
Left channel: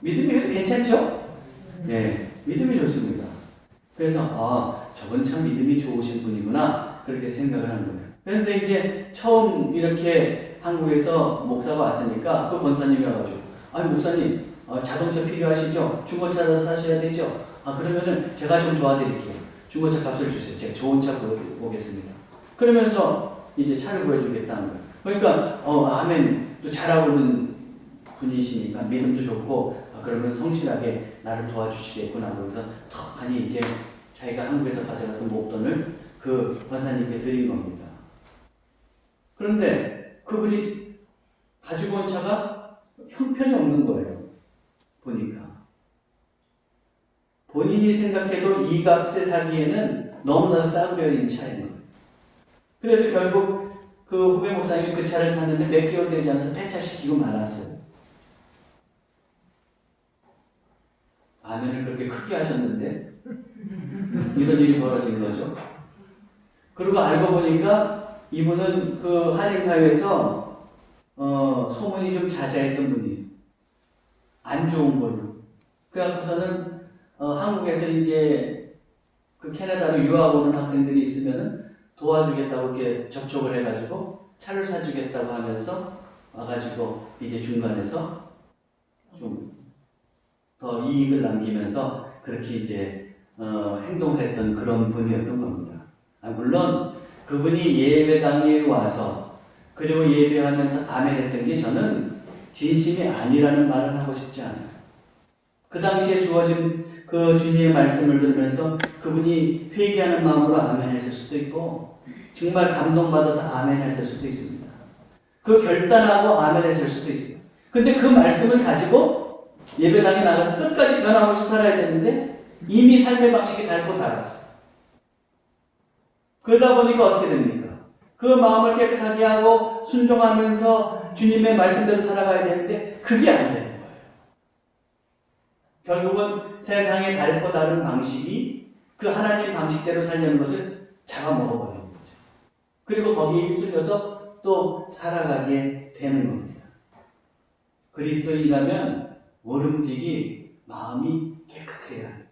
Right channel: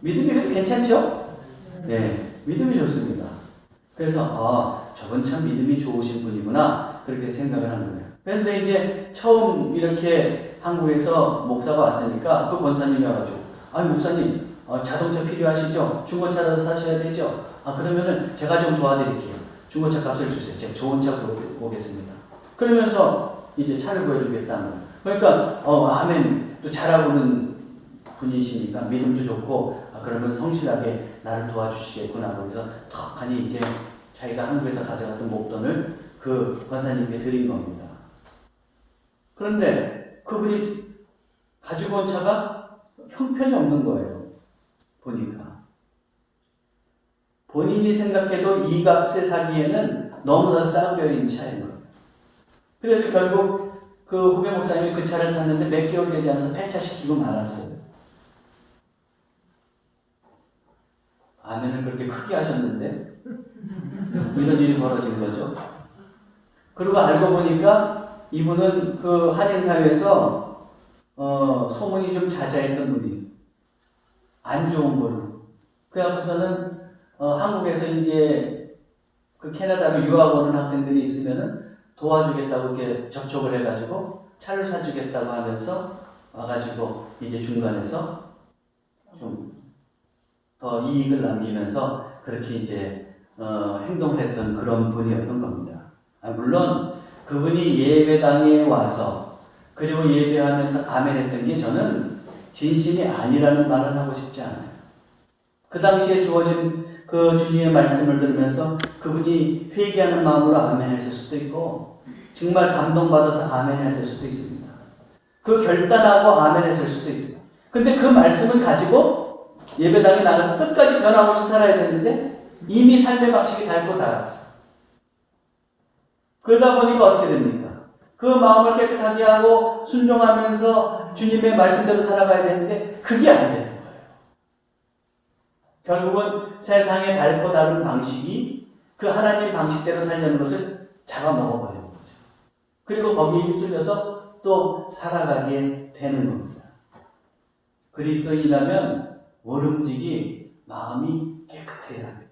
믿음이 그래도 괜찮죠? 네, 믿음이 좋습니다. 그래서 저분 참 믿음이 좋으신 분이구나 그렇게 생각을 한 거예요. 그런데 이제 처음 이렇게 한국에서 목사가 왔으니까 또 권사님이 와가지고 목사님 자동차 필요하시죠? 중고차라도 사셔야 되죠? 그러면은 제가 좀 도와드릴게요. 중고차 값을 주세요. 제가 좋은 차 보겠습니다. 그러면서 이제 차를 구해주겠다는 거예요. 그러니까 아멘 또 잘하고는 분이시니까 믿음도 좋고 그러면 성실하게 나를 도와주시겠구나. 그래서 턱하니 이제 자기가 한국에서 가져갔던 목돈을 그 권사님께 드린 겁니다. 그런데 그분이 가지고 온 차가 형편이 없는 거예요. 보니까. 본인이 생각해도 이 값에 사기에는 너무나 싸구려 있는 차예요. 그래서 결국 그 후배 목사님이 그 차를 탔는데 몇 개월 되지 않아서 폐차시키고 말았어요. 아멘을 그렇게 크게 하셨는데 이런 일이 벌어진 거죠. 그리고 알고 보니까 이분은 그 한인사회에서 소문이 좀 자자했던 분이에요. 안 좋은 걸로. 그래갖고서는 한국에서 이제 그 캐나다로 유학 오는 학생들이 있으면은 도와주겠다고 이렇게 접촉을 해가지고 차를 사주겠다고 하면서 와가지고 이제 중간에서 좀 더 이익을 남기면서 그렇게 이제 행동을 했던 그런 분이었던 겁니다. 물론 그분이 예배당에 와서 그리고 예배하면서 아멘했던 게 저는 진심이 아니라는 말을 하고 싶지 않아요. 그 당시에 주어진 그 주님의 말씀을 들으면서 그분이 회개하는 마음으로 아멘하실 수도 있고 정말 감동받아서 아멘하실 수도 있습니다. 그 결단하고 아멘했을 수도 있어요. 근데 그 말씀을 가지고 예배당에 나가서 끝까지 변함없이 살아야 되는데 이미 삶의 방식이 닳고 닳았어요. 그러다 보니까 어떻게 됩니까? 그 마음을 깨끗하게 하고 순종하면서 주님의 말씀대로 살아가야 되는데 그게 안 되는 거예요. 결국은 세상의 달고 다른 방식이 그 하나님 방식대로 살려는 것을 잡아먹어버리는 거죠. 그리고 거기에 휩쓸려서 또 살아가게 되는 겁니다. 그리스도인이라면 모름지기 마음이 깨끗해야 합니다.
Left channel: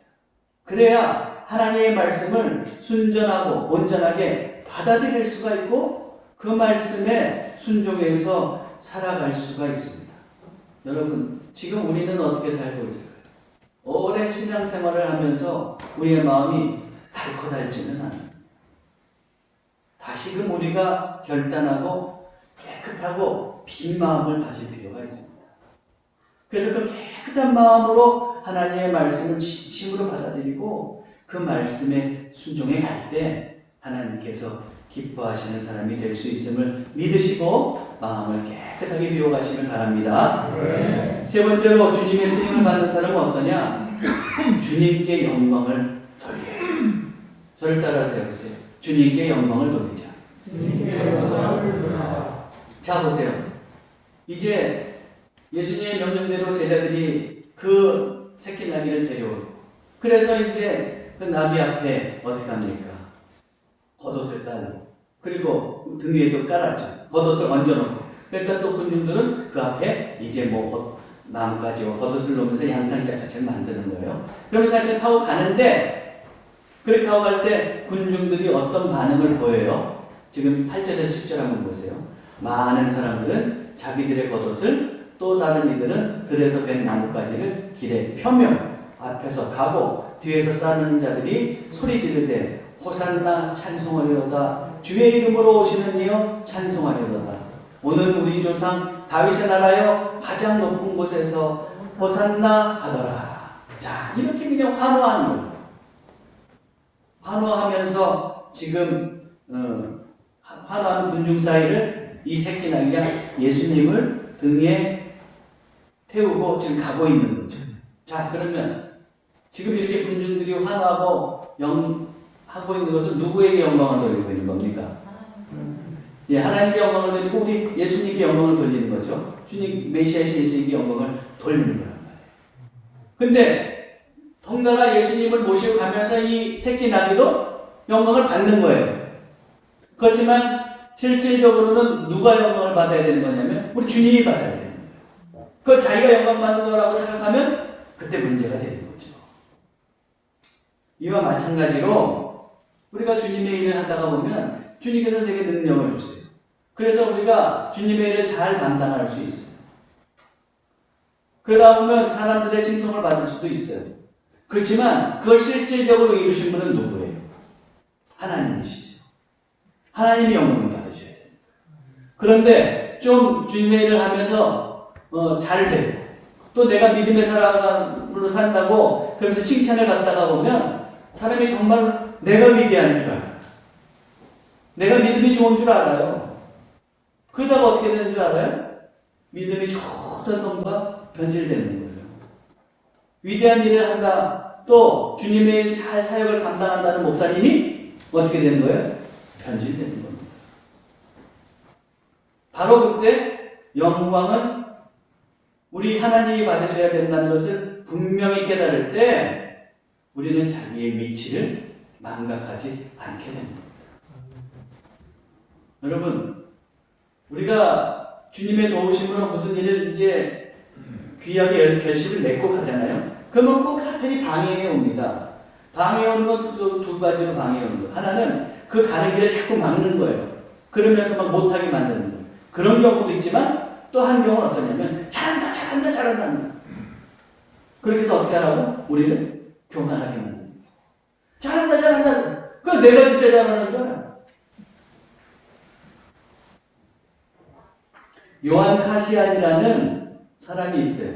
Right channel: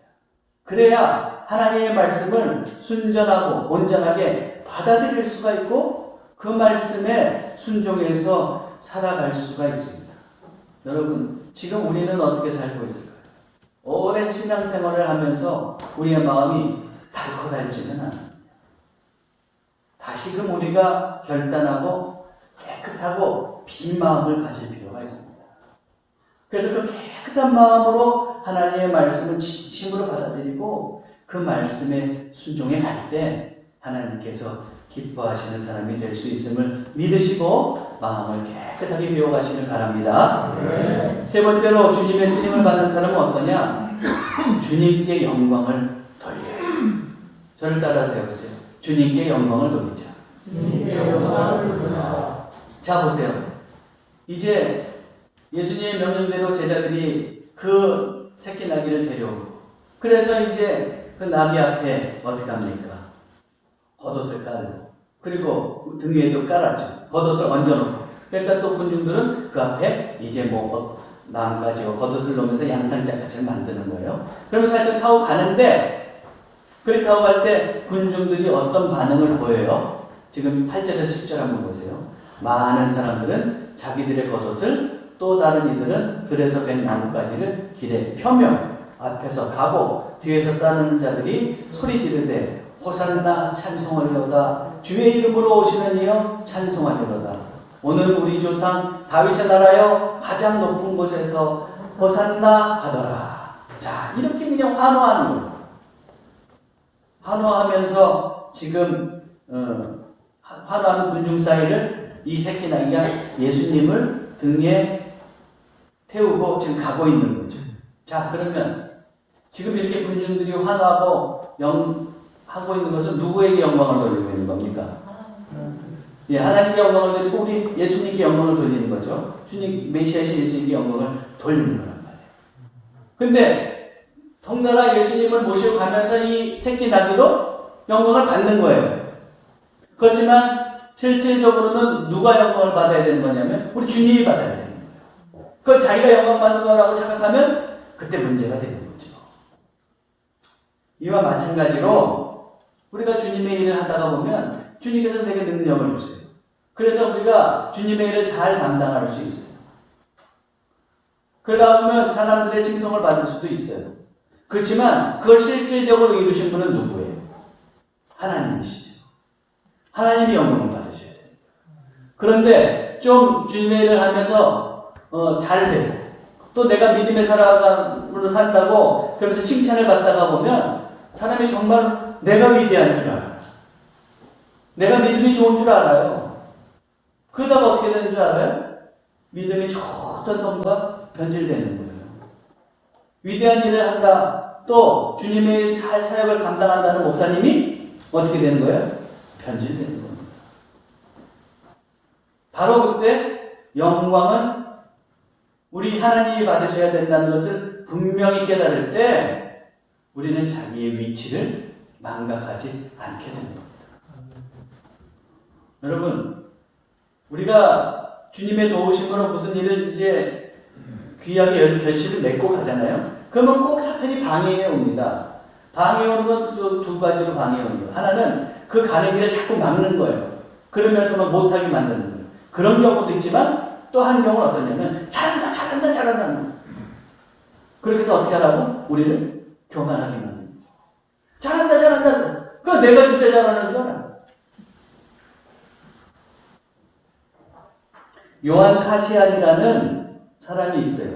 그래야 하나님의 말씀을 순전하고 온전하게 받아들일 수가 있고 그 말씀에 순종해서 살아갈 수가 있습니다. 여러분, 지금 우리는 어떻게 살고 있을까요? 오랜 신앙생활을 하면서 우리의 마음이 달코달지는 않습니다. 다시금 우리가 결단하고 깨끗하고 빈 마음을 가질 필요가 있습니다. 그래서 그 깨끗한 마음으로 하나님의 말씀을 진심으로 받아들이고 그 말씀에 순종해 갈 때 하나님께서 기뻐하시는 사람이 될 수 있음을 믿으시고 마음을 깨끗하게 비워가시길 바랍니다. 네. 세 번째로 주님의 쓰임을 받는 사람은 어떠냐? 주님께 영광을 돌려요. 저를 따라서 해보세요. 주님께 영광을 돌리자. 주님께 영광을 돌리자. 자, 보세요. 이제 예수님의 명령대로 제자들이 그 새끼 나귀를 데려오고 그래서 이제 그 나귀 앞에 어떻게 합니까? 겉옷을 깔고 그리고 등 위에도 깔았죠. 겉옷을 얹어놓고 그러니까 또 군중들은 그 앞에 이제 뭐 나뭇가지와 겉옷을 놓으면서 양탄짝같이 만드는 거예요. 그러면서 하여튼 타고 가는데 그렇게 타고 갈 때 군중들이 어떤 반응을 보여요? 지금 8절에서 10절 한번 보세요. 많은 사람들은 자기들의 겉옷을 또 다른 이들은 들에서 벤 나뭇가지를 길에 펴며 앞에서 가고 뒤에서 따르는 자들이 소리 지르되 호산나 찬송하리로다 주의 이름으로 오시는 이여 찬송하리로다 오늘 우리 조상 다윗의 나라여 가장 높은 곳에서 호산나 하더라. 자, 이렇게 그냥 환호하는 거예요. 환호하면서 지금 환호하는 군중 사이를 이 새끼 나귀가 예수님을 등에 태우고 지금 가고 있는 거죠. 자, 그러면 지금 이렇게 군중들이 환호하고 하고 있는 것은 누구에게 영광을 돌리고 있는 겁니까? 예, 하나님께 영광을 돌리고 우리 예수님께 영광을 돌리는 거죠. 주님, 메시아신 예수님께 영광을 돌리는 거란 말이에요. 근데 덩달아 예수님을 모시고 가면서 이 새끼 나귀도 영광을 받는 거예요. 그렇지만 실질적으로는 누가 영광을 받아야 되는 거냐면 우리 주님이 받아야 되는 거예요. 그 자기가 영광 받는 거라고 생각하면 그때 문제가 되는 거죠. 이와 마찬가지로 우리가 주님의 일을 하다가 보면 주님께서 내게 능력을 주세요. 그래서 우리가 주님의 일을 잘 감당할 수 있어요. 그러다 보면 사람들의 칭송을 받을 수도 있어요. 그렇지만 그걸 실질적으로 이루신 분은 누구예요? 하나님이시죠. 하나님이 영광을 받으셔야 돼요. 그런데 좀 주님의 일을 하면서 잘 되고 또 내가 믿음의 사람으로 산다고 그러면서 칭찬을 받다가 보면 사람이 정말 내가 위대한 줄 알아요. 내가 믿음이 좋은 줄 알아요. 그러다가 어떻게 되는 줄 알아요? 믿음이 좋던 성도가 변질되는 거예요. 위대한 일을 한다. 또 주님의 잘 사역을 감당한다는 목사님이 어떻게 되는 거예요? 변질되는 겁니다. 바로 그때 영광은 우리 하나님이 받으셔야 된다는 것을 분명히 깨달을 때 우리는 자기의 위치를 망각하지 않게 됩니다. 여러분, 우리가 주님의 도우심으로 무슨 일을 이제 귀하게 결실을 맺고 가잖아요. 그러면 꼭 사탄이 방해해 옵니다. 방해해 오는 건 또 두 가지로 방해해 오는 거예요. 하나는 그 가는 길을 자꾸 막는 거예요. 그러면서 막 못하게 만드는 거예요. 그런 경우도 있지만 또 한 경우는 어떠냐면 잘한다. 그렇게 해서 어떻게 하라고? 우리를 교만하게 만드는 거예요. 잘한다. 그럼 내가 진짜 잘하는 줄 알아. 요한 카시안이라는 사람이 있어요.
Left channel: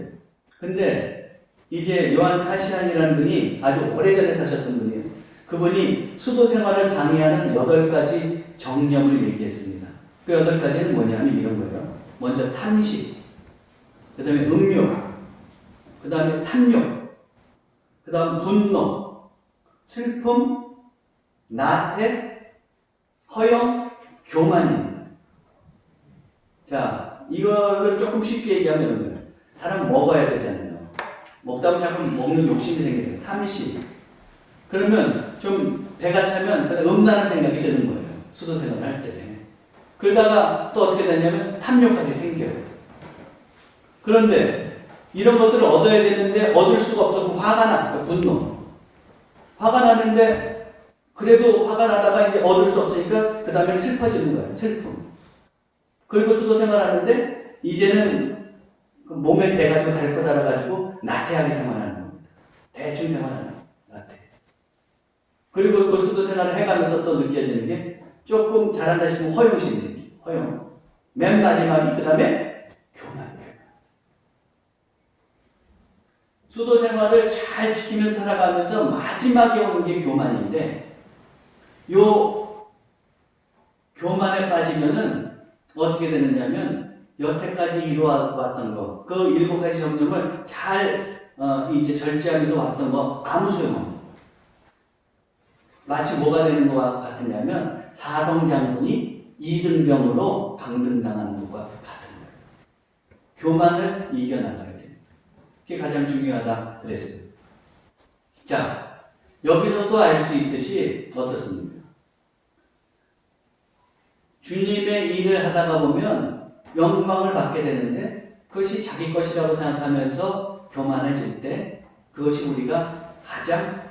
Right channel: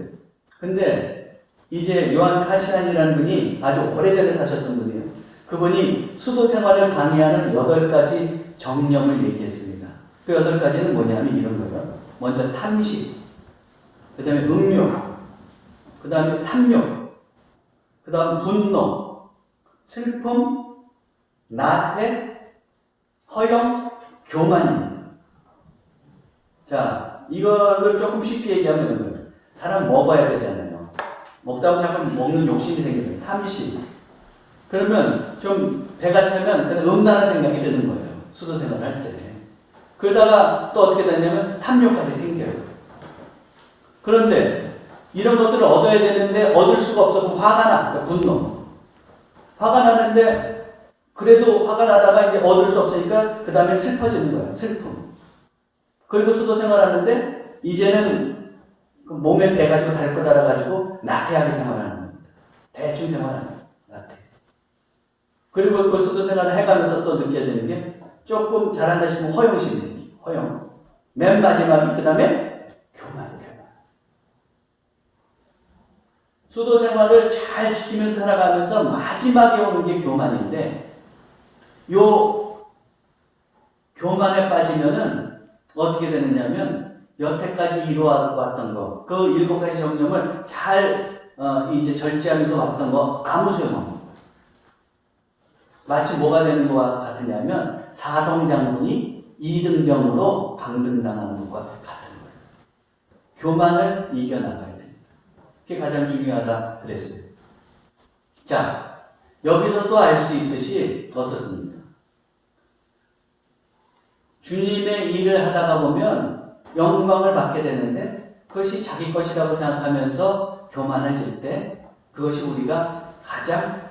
근데 이제 요한 카시안이라는 분이 아주 오래전에 사셨던 분이에요. 그분이 수도 생활을 방해하는 8가지 정념을 얘기했습니다. 그 8가지는 뭐냐면 이런 거예요. 먼저 탐식, 그 다음에 음욕, 그 다음에 탐욕, 그 다음 분노, 슬픔, 나태, 허영, 교만입니다. 자, 이거를 조금 쉽게 얘기하면 이런 거예요. 사람 먹어야 되잖아요. 먹다 보면 자꾸 먹는 욕심이 생겨요. 탐심. 그러면 좀 배가 차면 음란한 생각이 드는 거예요. 수도 생활을 할 때. 그러다가 또 어떻게 되냐면 탐욕까지 생겨요. 그런데 이런 것들을 얻어야 되는데 얻을 수가 없어서 화가 나. 그러니까 분노. 화가 나는데 그래도 화가 나다가 이제 얻을 수 없으니까 그 다음에 슬퍼지는 거예요. 슬픔. 그리고 수도 생활하는데 이제는 몸에 배가지고 다리 거 달아가지고 나태하게 생활하는 겁니다. 대충 생활하는 거예요. 나태. 그리고 그 수도 생활을 해가면서 또 느껴지는 게 조금 잘한다 싶으면 허영심이 생겨요. 허영. 맨 마지막이 그 다음에 교만. 수도 생활을 잘 지키면서 살아가면서 마지막에 오는 게 교만인데, 요 교만에 빠지면은 어떻게 되느냐면 여태까지 이루어왔던 거, 그 7가지 정령을 잘 이제 절제하면서 왔던 거 아무 소용없는 거예요. 마치 뭐가 되는 것과 같으냐면 사성장군이 이등병으로 강등당하는 것과 같은 거예요. 교만을 이겨나가야 돼요. 그게 가장 중요하다 그랬어요. 자, 여기서도 알 수 있듯이 어떻습니까? 주님의 일을 하다가 보면 영광을 받게 되는데 그것이 자기 것이라고 생각하면서 교만해질 때 그것이 우리가 가장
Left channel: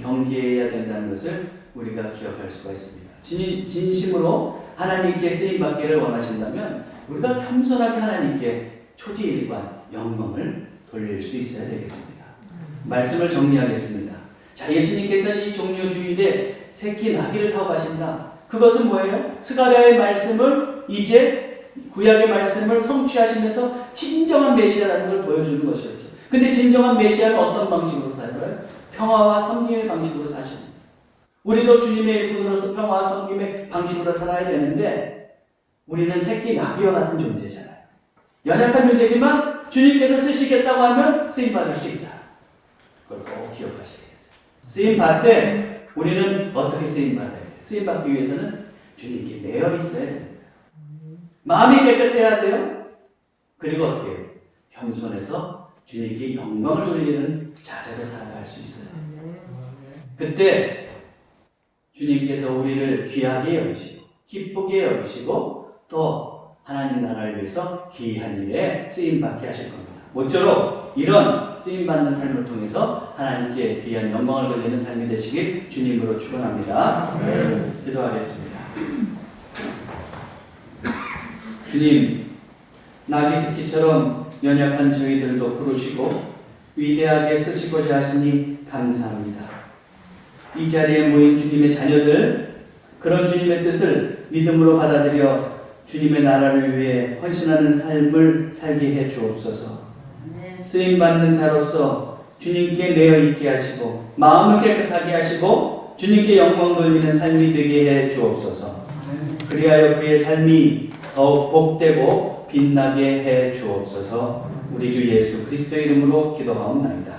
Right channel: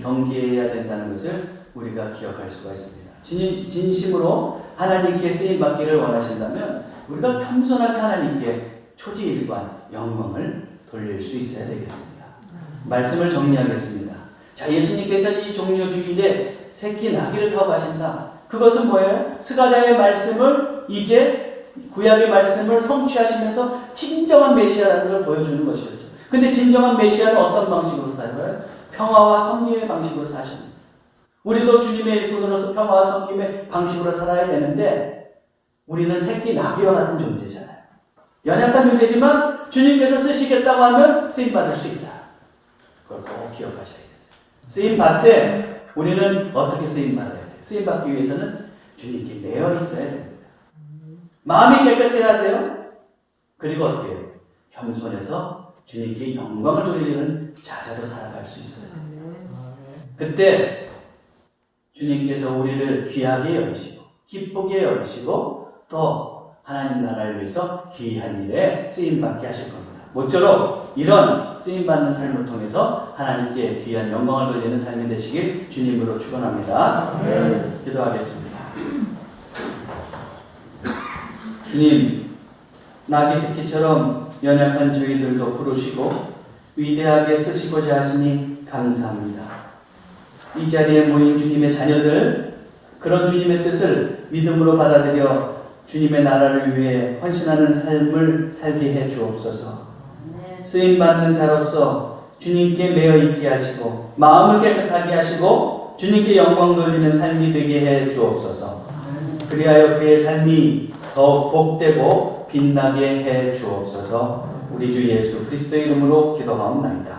경계해야 된다는 것을 우리가 기억할 수가 있습니다. 진심으로 하나님께 쓰임받기를 원하신다면 우리가 겸손하게 하나님께 초지일관 영광을 돌릴 수 있어야 되겠습니다. 말씀을 정리하겠습니다. 자, 예수님께서는 이 종려 주일에 새끼 나귀를 타고 가신다. 그것은 뭐예요? 스가랴의 말씀을 이제 구약의 말씀을 성취하시면서 진정한 메시아라는 걸 보여주는 것이었죠. 근데 진정한 메시아는 어떤 방식으로 살아요? 평화와 섬김의 방식으로 사십니다. 우리도 주님의 일꾼으로서 평화와 섬김의 방식으로 살아야 되는데 우리는 새끼 나귀와 같은 존재잖아요. 연약한 존재지만 주님께서 쓰시겠다고 하면 쓰임받을 수 있다. 그걸 꼭 기억하셔야 되겠어요. 쓰임받을 때 우리는 어떻게 쓰임받아야 돼요? 쓰임받기 위해서는 주님께 매여 있어야 됩니다. 마음이 깨끗해야 돼요. 그리고 어떻게 해요? 겸손해서 주님께 영광을 돌리는 자세로 살아갈 수 있어요. 그때 주님께서 우리를 귀하게 여기시고 기쁘게 여기시고 또 하나님 나라를 위해서 귀한 일에 쓰임받게 하실 겁니다. 모쪼록 이런 쓰임받는 삶을 통해서 하나님께 귀한 영광을 돌리는 삶이 되시길 주님으로 축원합니다. 기도하겠습니다. 주님, 나귀 새끼처럼 연약한 저희들도 부르시고 위대하게 쓰시고자 하시니 감사합니다. 이 자리에 모인 주님의 자녀들, 그런 주님의 뜻을 믿음으로 받아들여 주님의 나라를 위해 헌신하는 삶을 살게 해 주옵소서. 쓰임받는 자로서 주님께 매여 있게 하시고 마음을 깨끗하게 하시고 주님께 영광 돌리는 삶이 되게 해 주옵소서. 그리하여 그의 삶이 더욱 복되고 빛나게 해 주옵소서. 우리 주 예수 그리스도의 이름으로 기도하옵나이다.